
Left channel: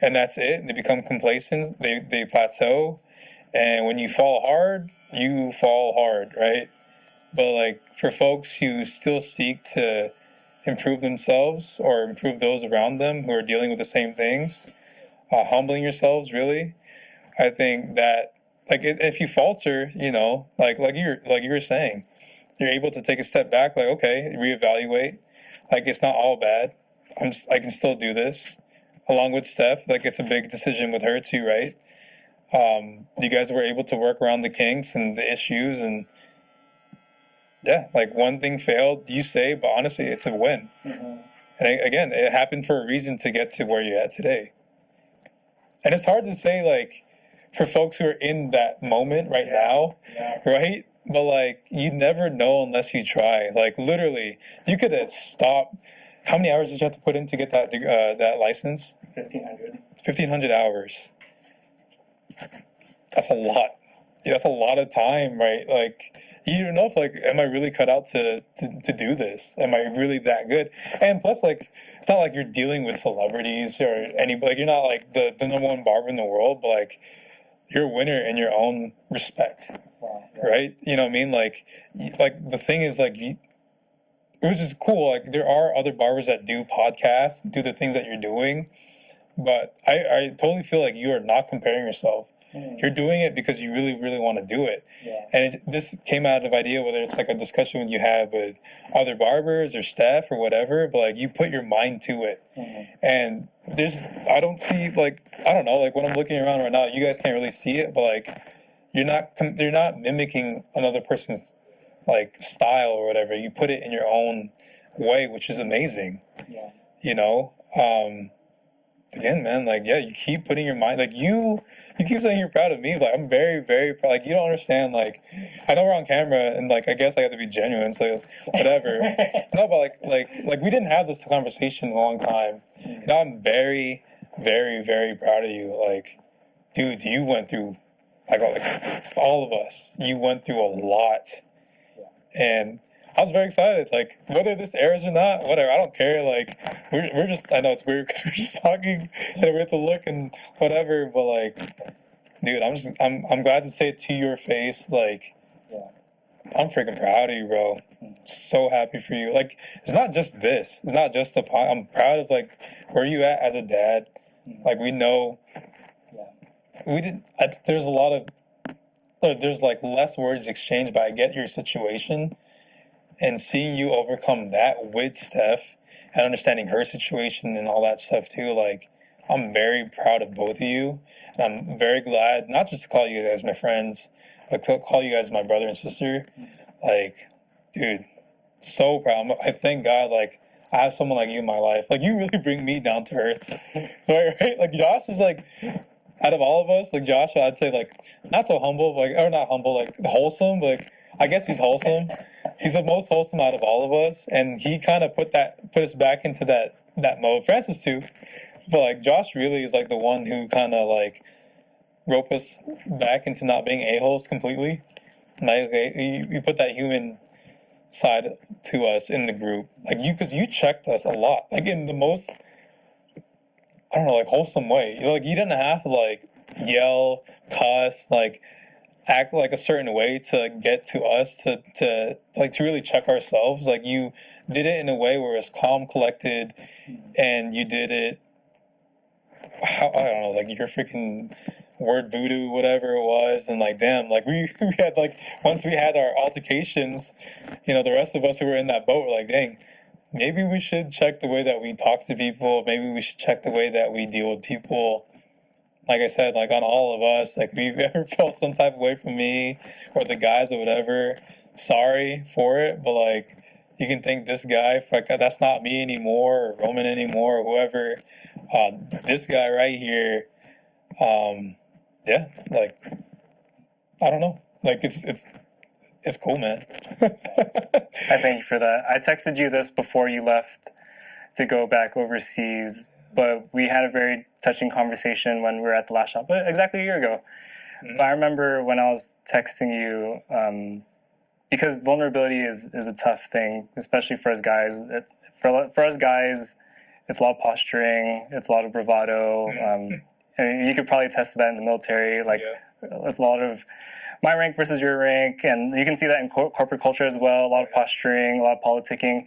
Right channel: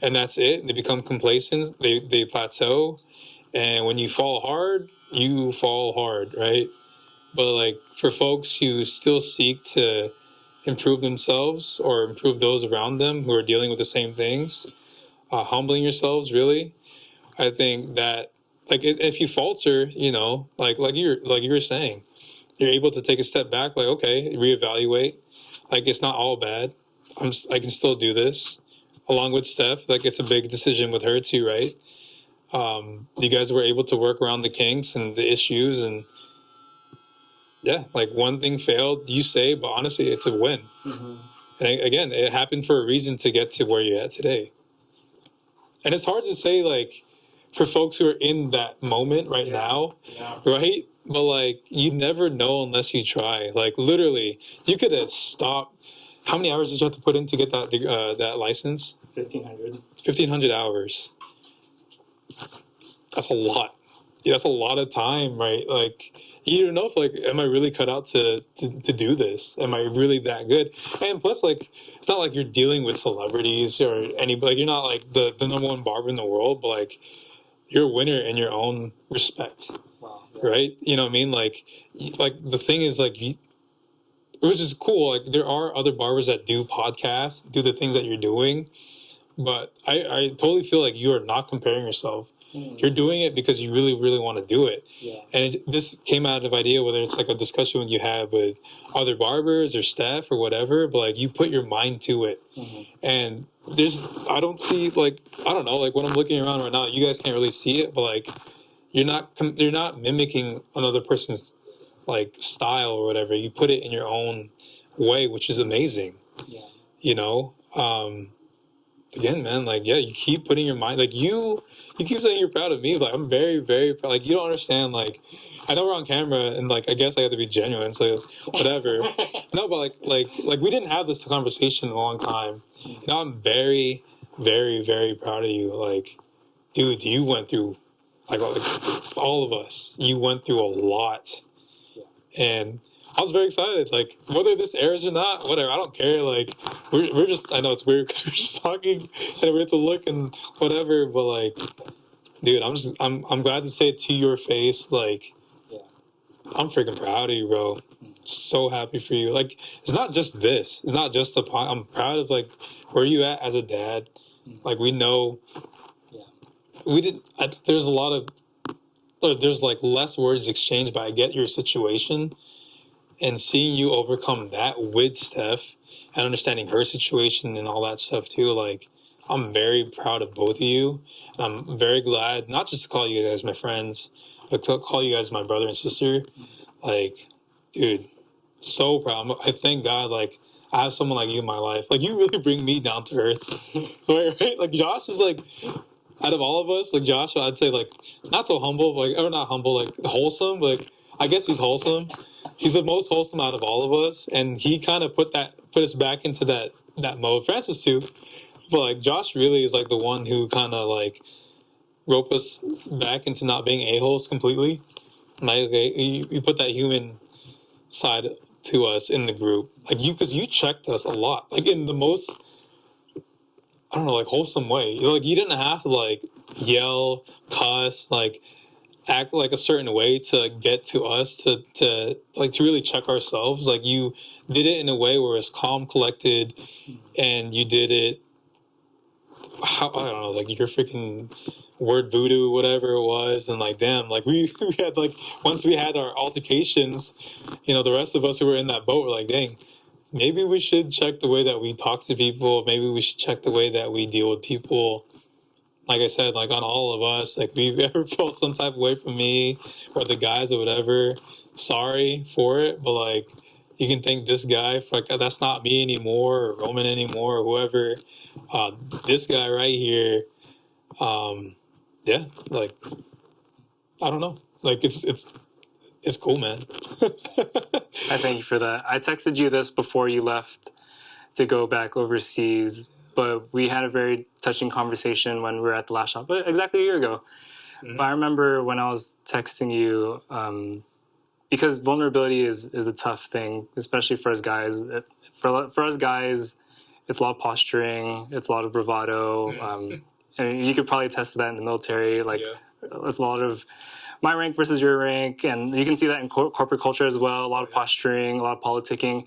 and that's it. They become complacent. They plateau, and when you fall hard, you fall hard, right? But like for folks who still seek to improve themselves or improve those around them who are dealing with the same things, humbling yourselves really, I think that like if you falter, you know, like you were saying, you're able to take a step back, like okay, reevaluate. Like it's not all bad. I can still do this. Along with Steph, like it's a big decision with her too, right? You guys were able to work around the kinks and the issues, and yeah, like one thing failed, you say, but honestly, it's a win. And again, it happened for a reason to get to where you're at today. And it's hard to say, like, for folks who are in that moment right now, right? But like, you never know unless you try. Like, literally, you could have stopped. How many hours did you have to put in to get that license? 1,500. 1,500 hours. That's a lot. Yeah, that's a lot of time, right? Like, you don't know if like, am I really cut out to do this? Am I really that good? And plus, like, it's not like you're dealing with celebrities or anybody. Like, you're not like the number one barber in the world, but like, you're a winner in your own respect. Wow. Yeah. Right? You know what I mean? Like the thing is like, which is cool. Like there are other barbers that do podcasts, do the things that you're doing, but I totally feel like you are not comparing yourself. You're doing it because you really, really want to do it. Yeah. And this came out of idea, whether it's like a discussion you have with other barbers or staff or whatever, but like you put your mind to it. And I don't see like, I don't know, like when I'm looking around right now, you guys can't really see it, but like you're not mimicking another person's like style or whatever. You put it in your own way, which is amazing. Yeah. You know? Again, man, like, yeah, you keep putting your mind, like, you keep saying you're proud of me. Like, I'm very, very proud. Like, you don't understand. Like, I know we're on camera, and like, I guess I have to be genuine, so whatever. No, but like, we didn't have this conversation in a long time. You know, I'm very, very, very proud of you. Like, dude, you went through, like all of us. You went through a lot, and I was very excited. Like whether this airs or not, whatever, I don't care. Like we're just, I know it's weird because we're just talking and we have to look and whatever. But like, dude, I'm glad to say it to your face. Like, I'm freaking proud of you, bro. So happy for you. Like it's not just this. It's not just I'm proud of like where you at as a dad. Like we know. We didn't. There's a lot of. There's like less words exchanged, but I get your situation. And seeing you overcome that with Steph and understanding her situation and all that stuff too, like, I'm very proud of both of you. And I'm very glad, not just to call you guys my friends, but to call you guys my brother and sister. Like, dude, so proud. I thank God, like, I have someone like you in my life. Like, you really bring me down to earth. Right? Like, Josh is like, out of all of us, like, Josh, I'd say, like, not so humble, like, or not humble, like, wholesome, but, like, I guess he's wholesome. He's the most wholesome out of all of us, and he kind of put us back into that mode. Francis too, but like Josh really is like the one who kind of like rope us back into not being a-holes completely. Like you put that human side to us in the group, like because you checked us a lot, like in the most, I don't know, like wholesome way. Like you didn't have to like yell, cuss, like act like a certain way to get to us to really check ourselves. Like you did it in a way where it's calm, collected, and you did it I don't know, like your freaking word voodoo, whatever it was, and like damn, like we had like once we had our altercations, you know, the rest of us who were in that boat were like, dang, maybe we should check the way that we talk to people, maybe we should check the way that we deal with people. like I said, like on all of us, like if you've ever felt some type of way from me or the guys or whatever, sorry for it. But like, you can thank this guy for, like, that's not me anymore, or Roman anymore, or whoever. This guy right here, yeah, like, I don't know. Like, it's cool, man. I thank you for that. I texted you this before you left to go back overseas, but we had a very touching conversation when we were at the last shop, exactly a year ago. Mm-hmm. But I remember when I was texting you, because vulnerability is a tough thing, especially for us guys. For us guys, it's a lot of posturing, it's a lot of bravado. And you could probably attest to that in the military. Like, it's a lot of my rank versus your rank, and you can see that in corporate culture as well. A lot of posturing, a lot of politicking.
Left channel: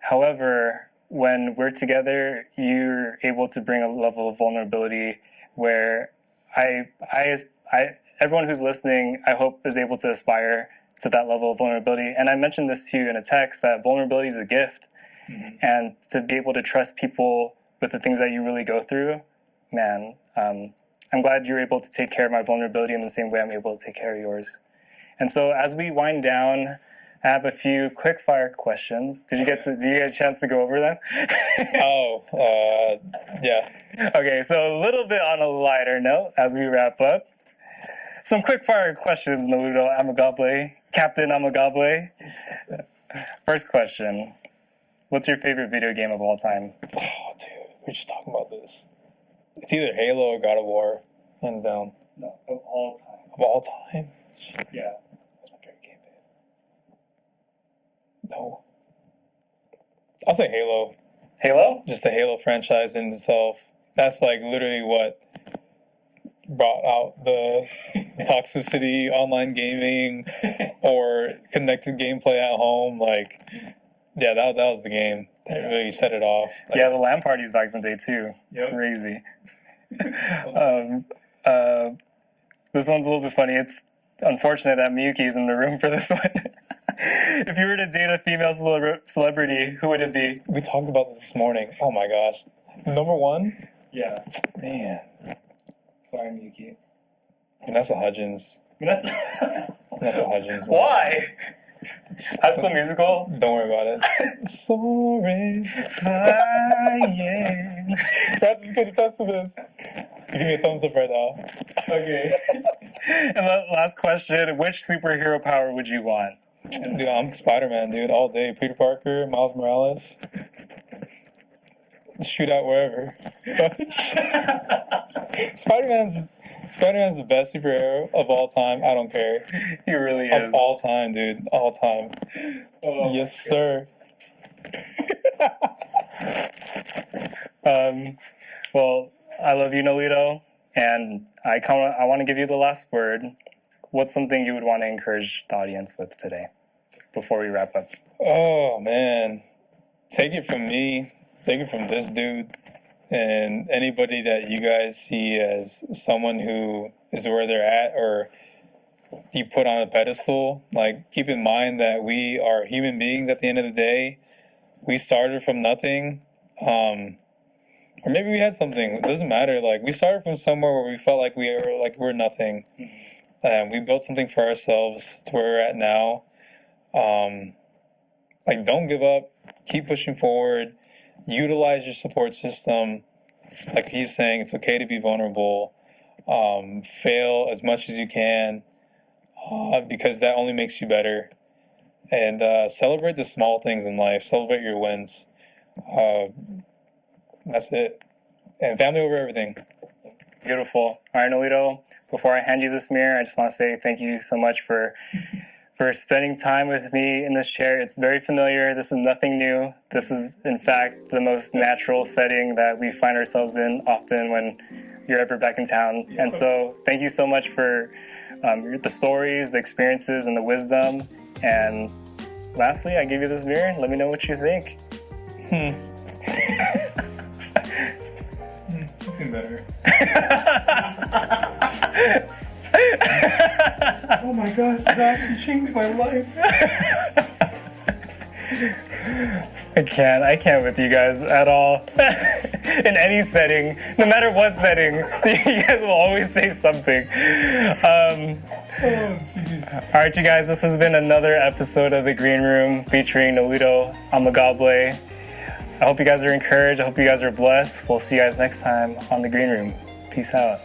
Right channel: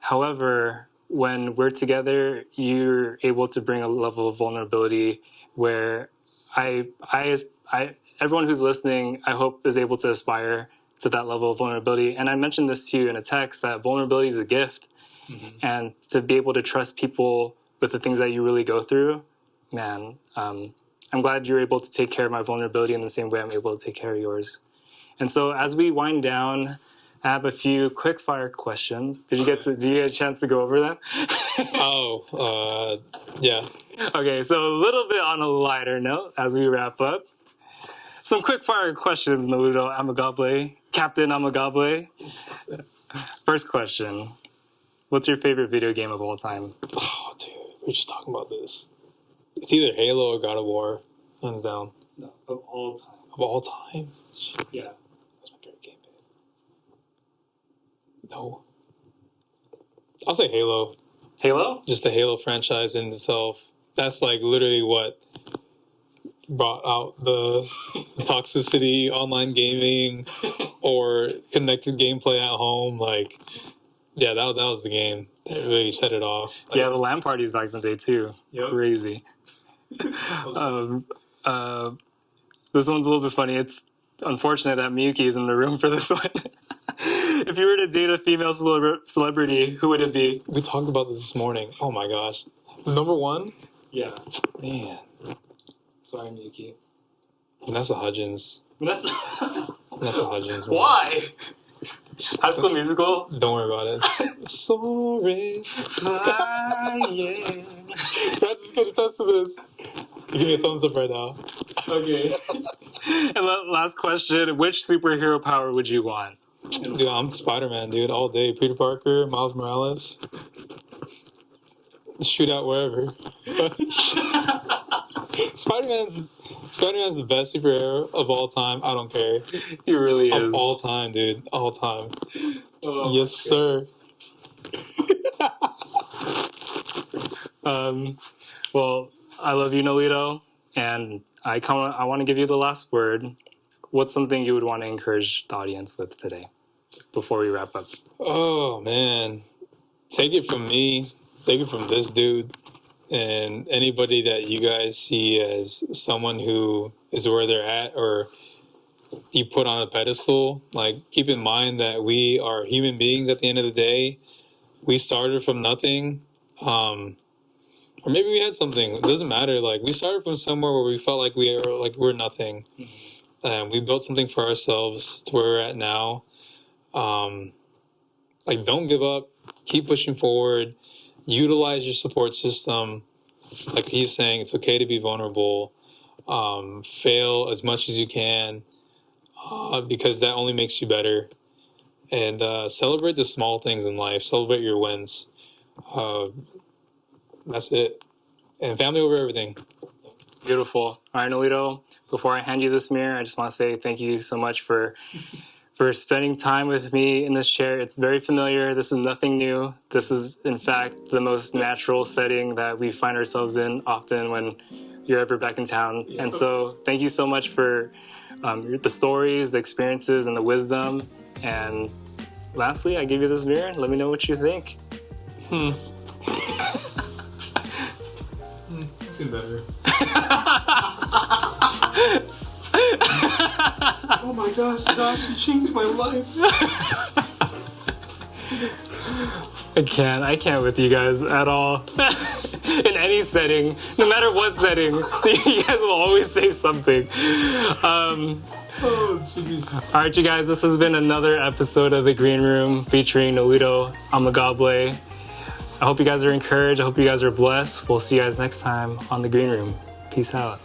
However, when we're together, you're able to bring a level of vulnerability where everyone who's listening, I hope, is able to aspire to that level of vulnerability. And I mentioned this to you in a text, that vulnerability is a gift. Mm-hmm. And to be able to trust people with the things that you really go through, man, I'm glad you're able to take care of my vulnerability in the same way I'm able to take care of yours. And so as we wind down, I have a few quick fire questions. Did you get a chance to go over them? Yeah. Okay, so a little bit on a lighter note as we wrap up. Some quick fire questions, Noelito Amigable, Captain Amigable. First question. What's your favorite video game of all time? Oh, dude, we were just talking about this. It's either Halo or God of War, hands down. No, of all time. Of all time? Jeez. Yeah. What's my favorite game, babe? No. I'll say Halo. Halo? Just the Halo franchise in itself. That's like literally what brought out the toxicity, online gaming, or connected gameplay at home. Like, yeah, that was the game that really set it off. Like, yeah, the LAN parties back in the day too. Yep. Crazy. This one's a little bit funny. It's unfortunate that Miyuki is in the room for this one. If you were to date a female celebrity, who would it be? We talked about this morning. Oh my gosh. Number one? Yeah. Man. Sorry, Miyuki. Vanessa Hudgens. Vanessa Hudgens. Man. Why? High School Musical? Don't worry about it. Sorry. Flying. Francis is going to attest to this. You give me a thumbs up right now. Okay. And last question. Which superhero power would you want? Dude, I'm Spider-Man, dude, all day. Peter Parker, Miles Morales. Shoot out wherever. Spider-Man's the best superhero of all time. I don't care. He really is. Of all time, dude. All time. Oh, yes, sir. Well, I love you, Noelito, and I want to give you the last word. What's something you would want to encourage the audience with today before we wrap up? Oh, man. Take it from me. Take it from this dude. And anybody that you guys see as someone who is where they're at or you put on a pedestal, like, keep in mind that we are human beings at the end of the day. We started from nothing. Or maybe we had something. It doesn't matter. Like, we started from somewhere where we felt like we're nothing. Mm-hmm. We built something for ourselves to where we're at now. Like, don't give up. Keep pushing forward. Utilize your support system. Like he's saying, it's okay to be vulnerable. Fail as much as you can because that only makes you better. And celebrate the small things in life. Celebrate your wins. That's it. And family over everything. Beautiful. All right, Noelito, before I hand you this mirror, I just want to say thank you so much for spending time with me in this chair. It's very familiar. This is nothing new. This is, in fact, the most natural setting that we find ourselves in often when you're ever back in town. And so thank you so much for the stories, the experiences, and the wisdom. And lastly, I give you this mirror. Let me know what you think. You seem better. Oh my gosh, you changed my life. I can't with you guys at all. in any setting, no matter what setting, you guys will always say something. Oh, jeez. All right, you guys, this has been another episode of The Green Room featuring Noelito Amigable. I hope you guys are encouraged. I hope you guys are blessed. We'll see you guys next time on The Green Room. Peace out.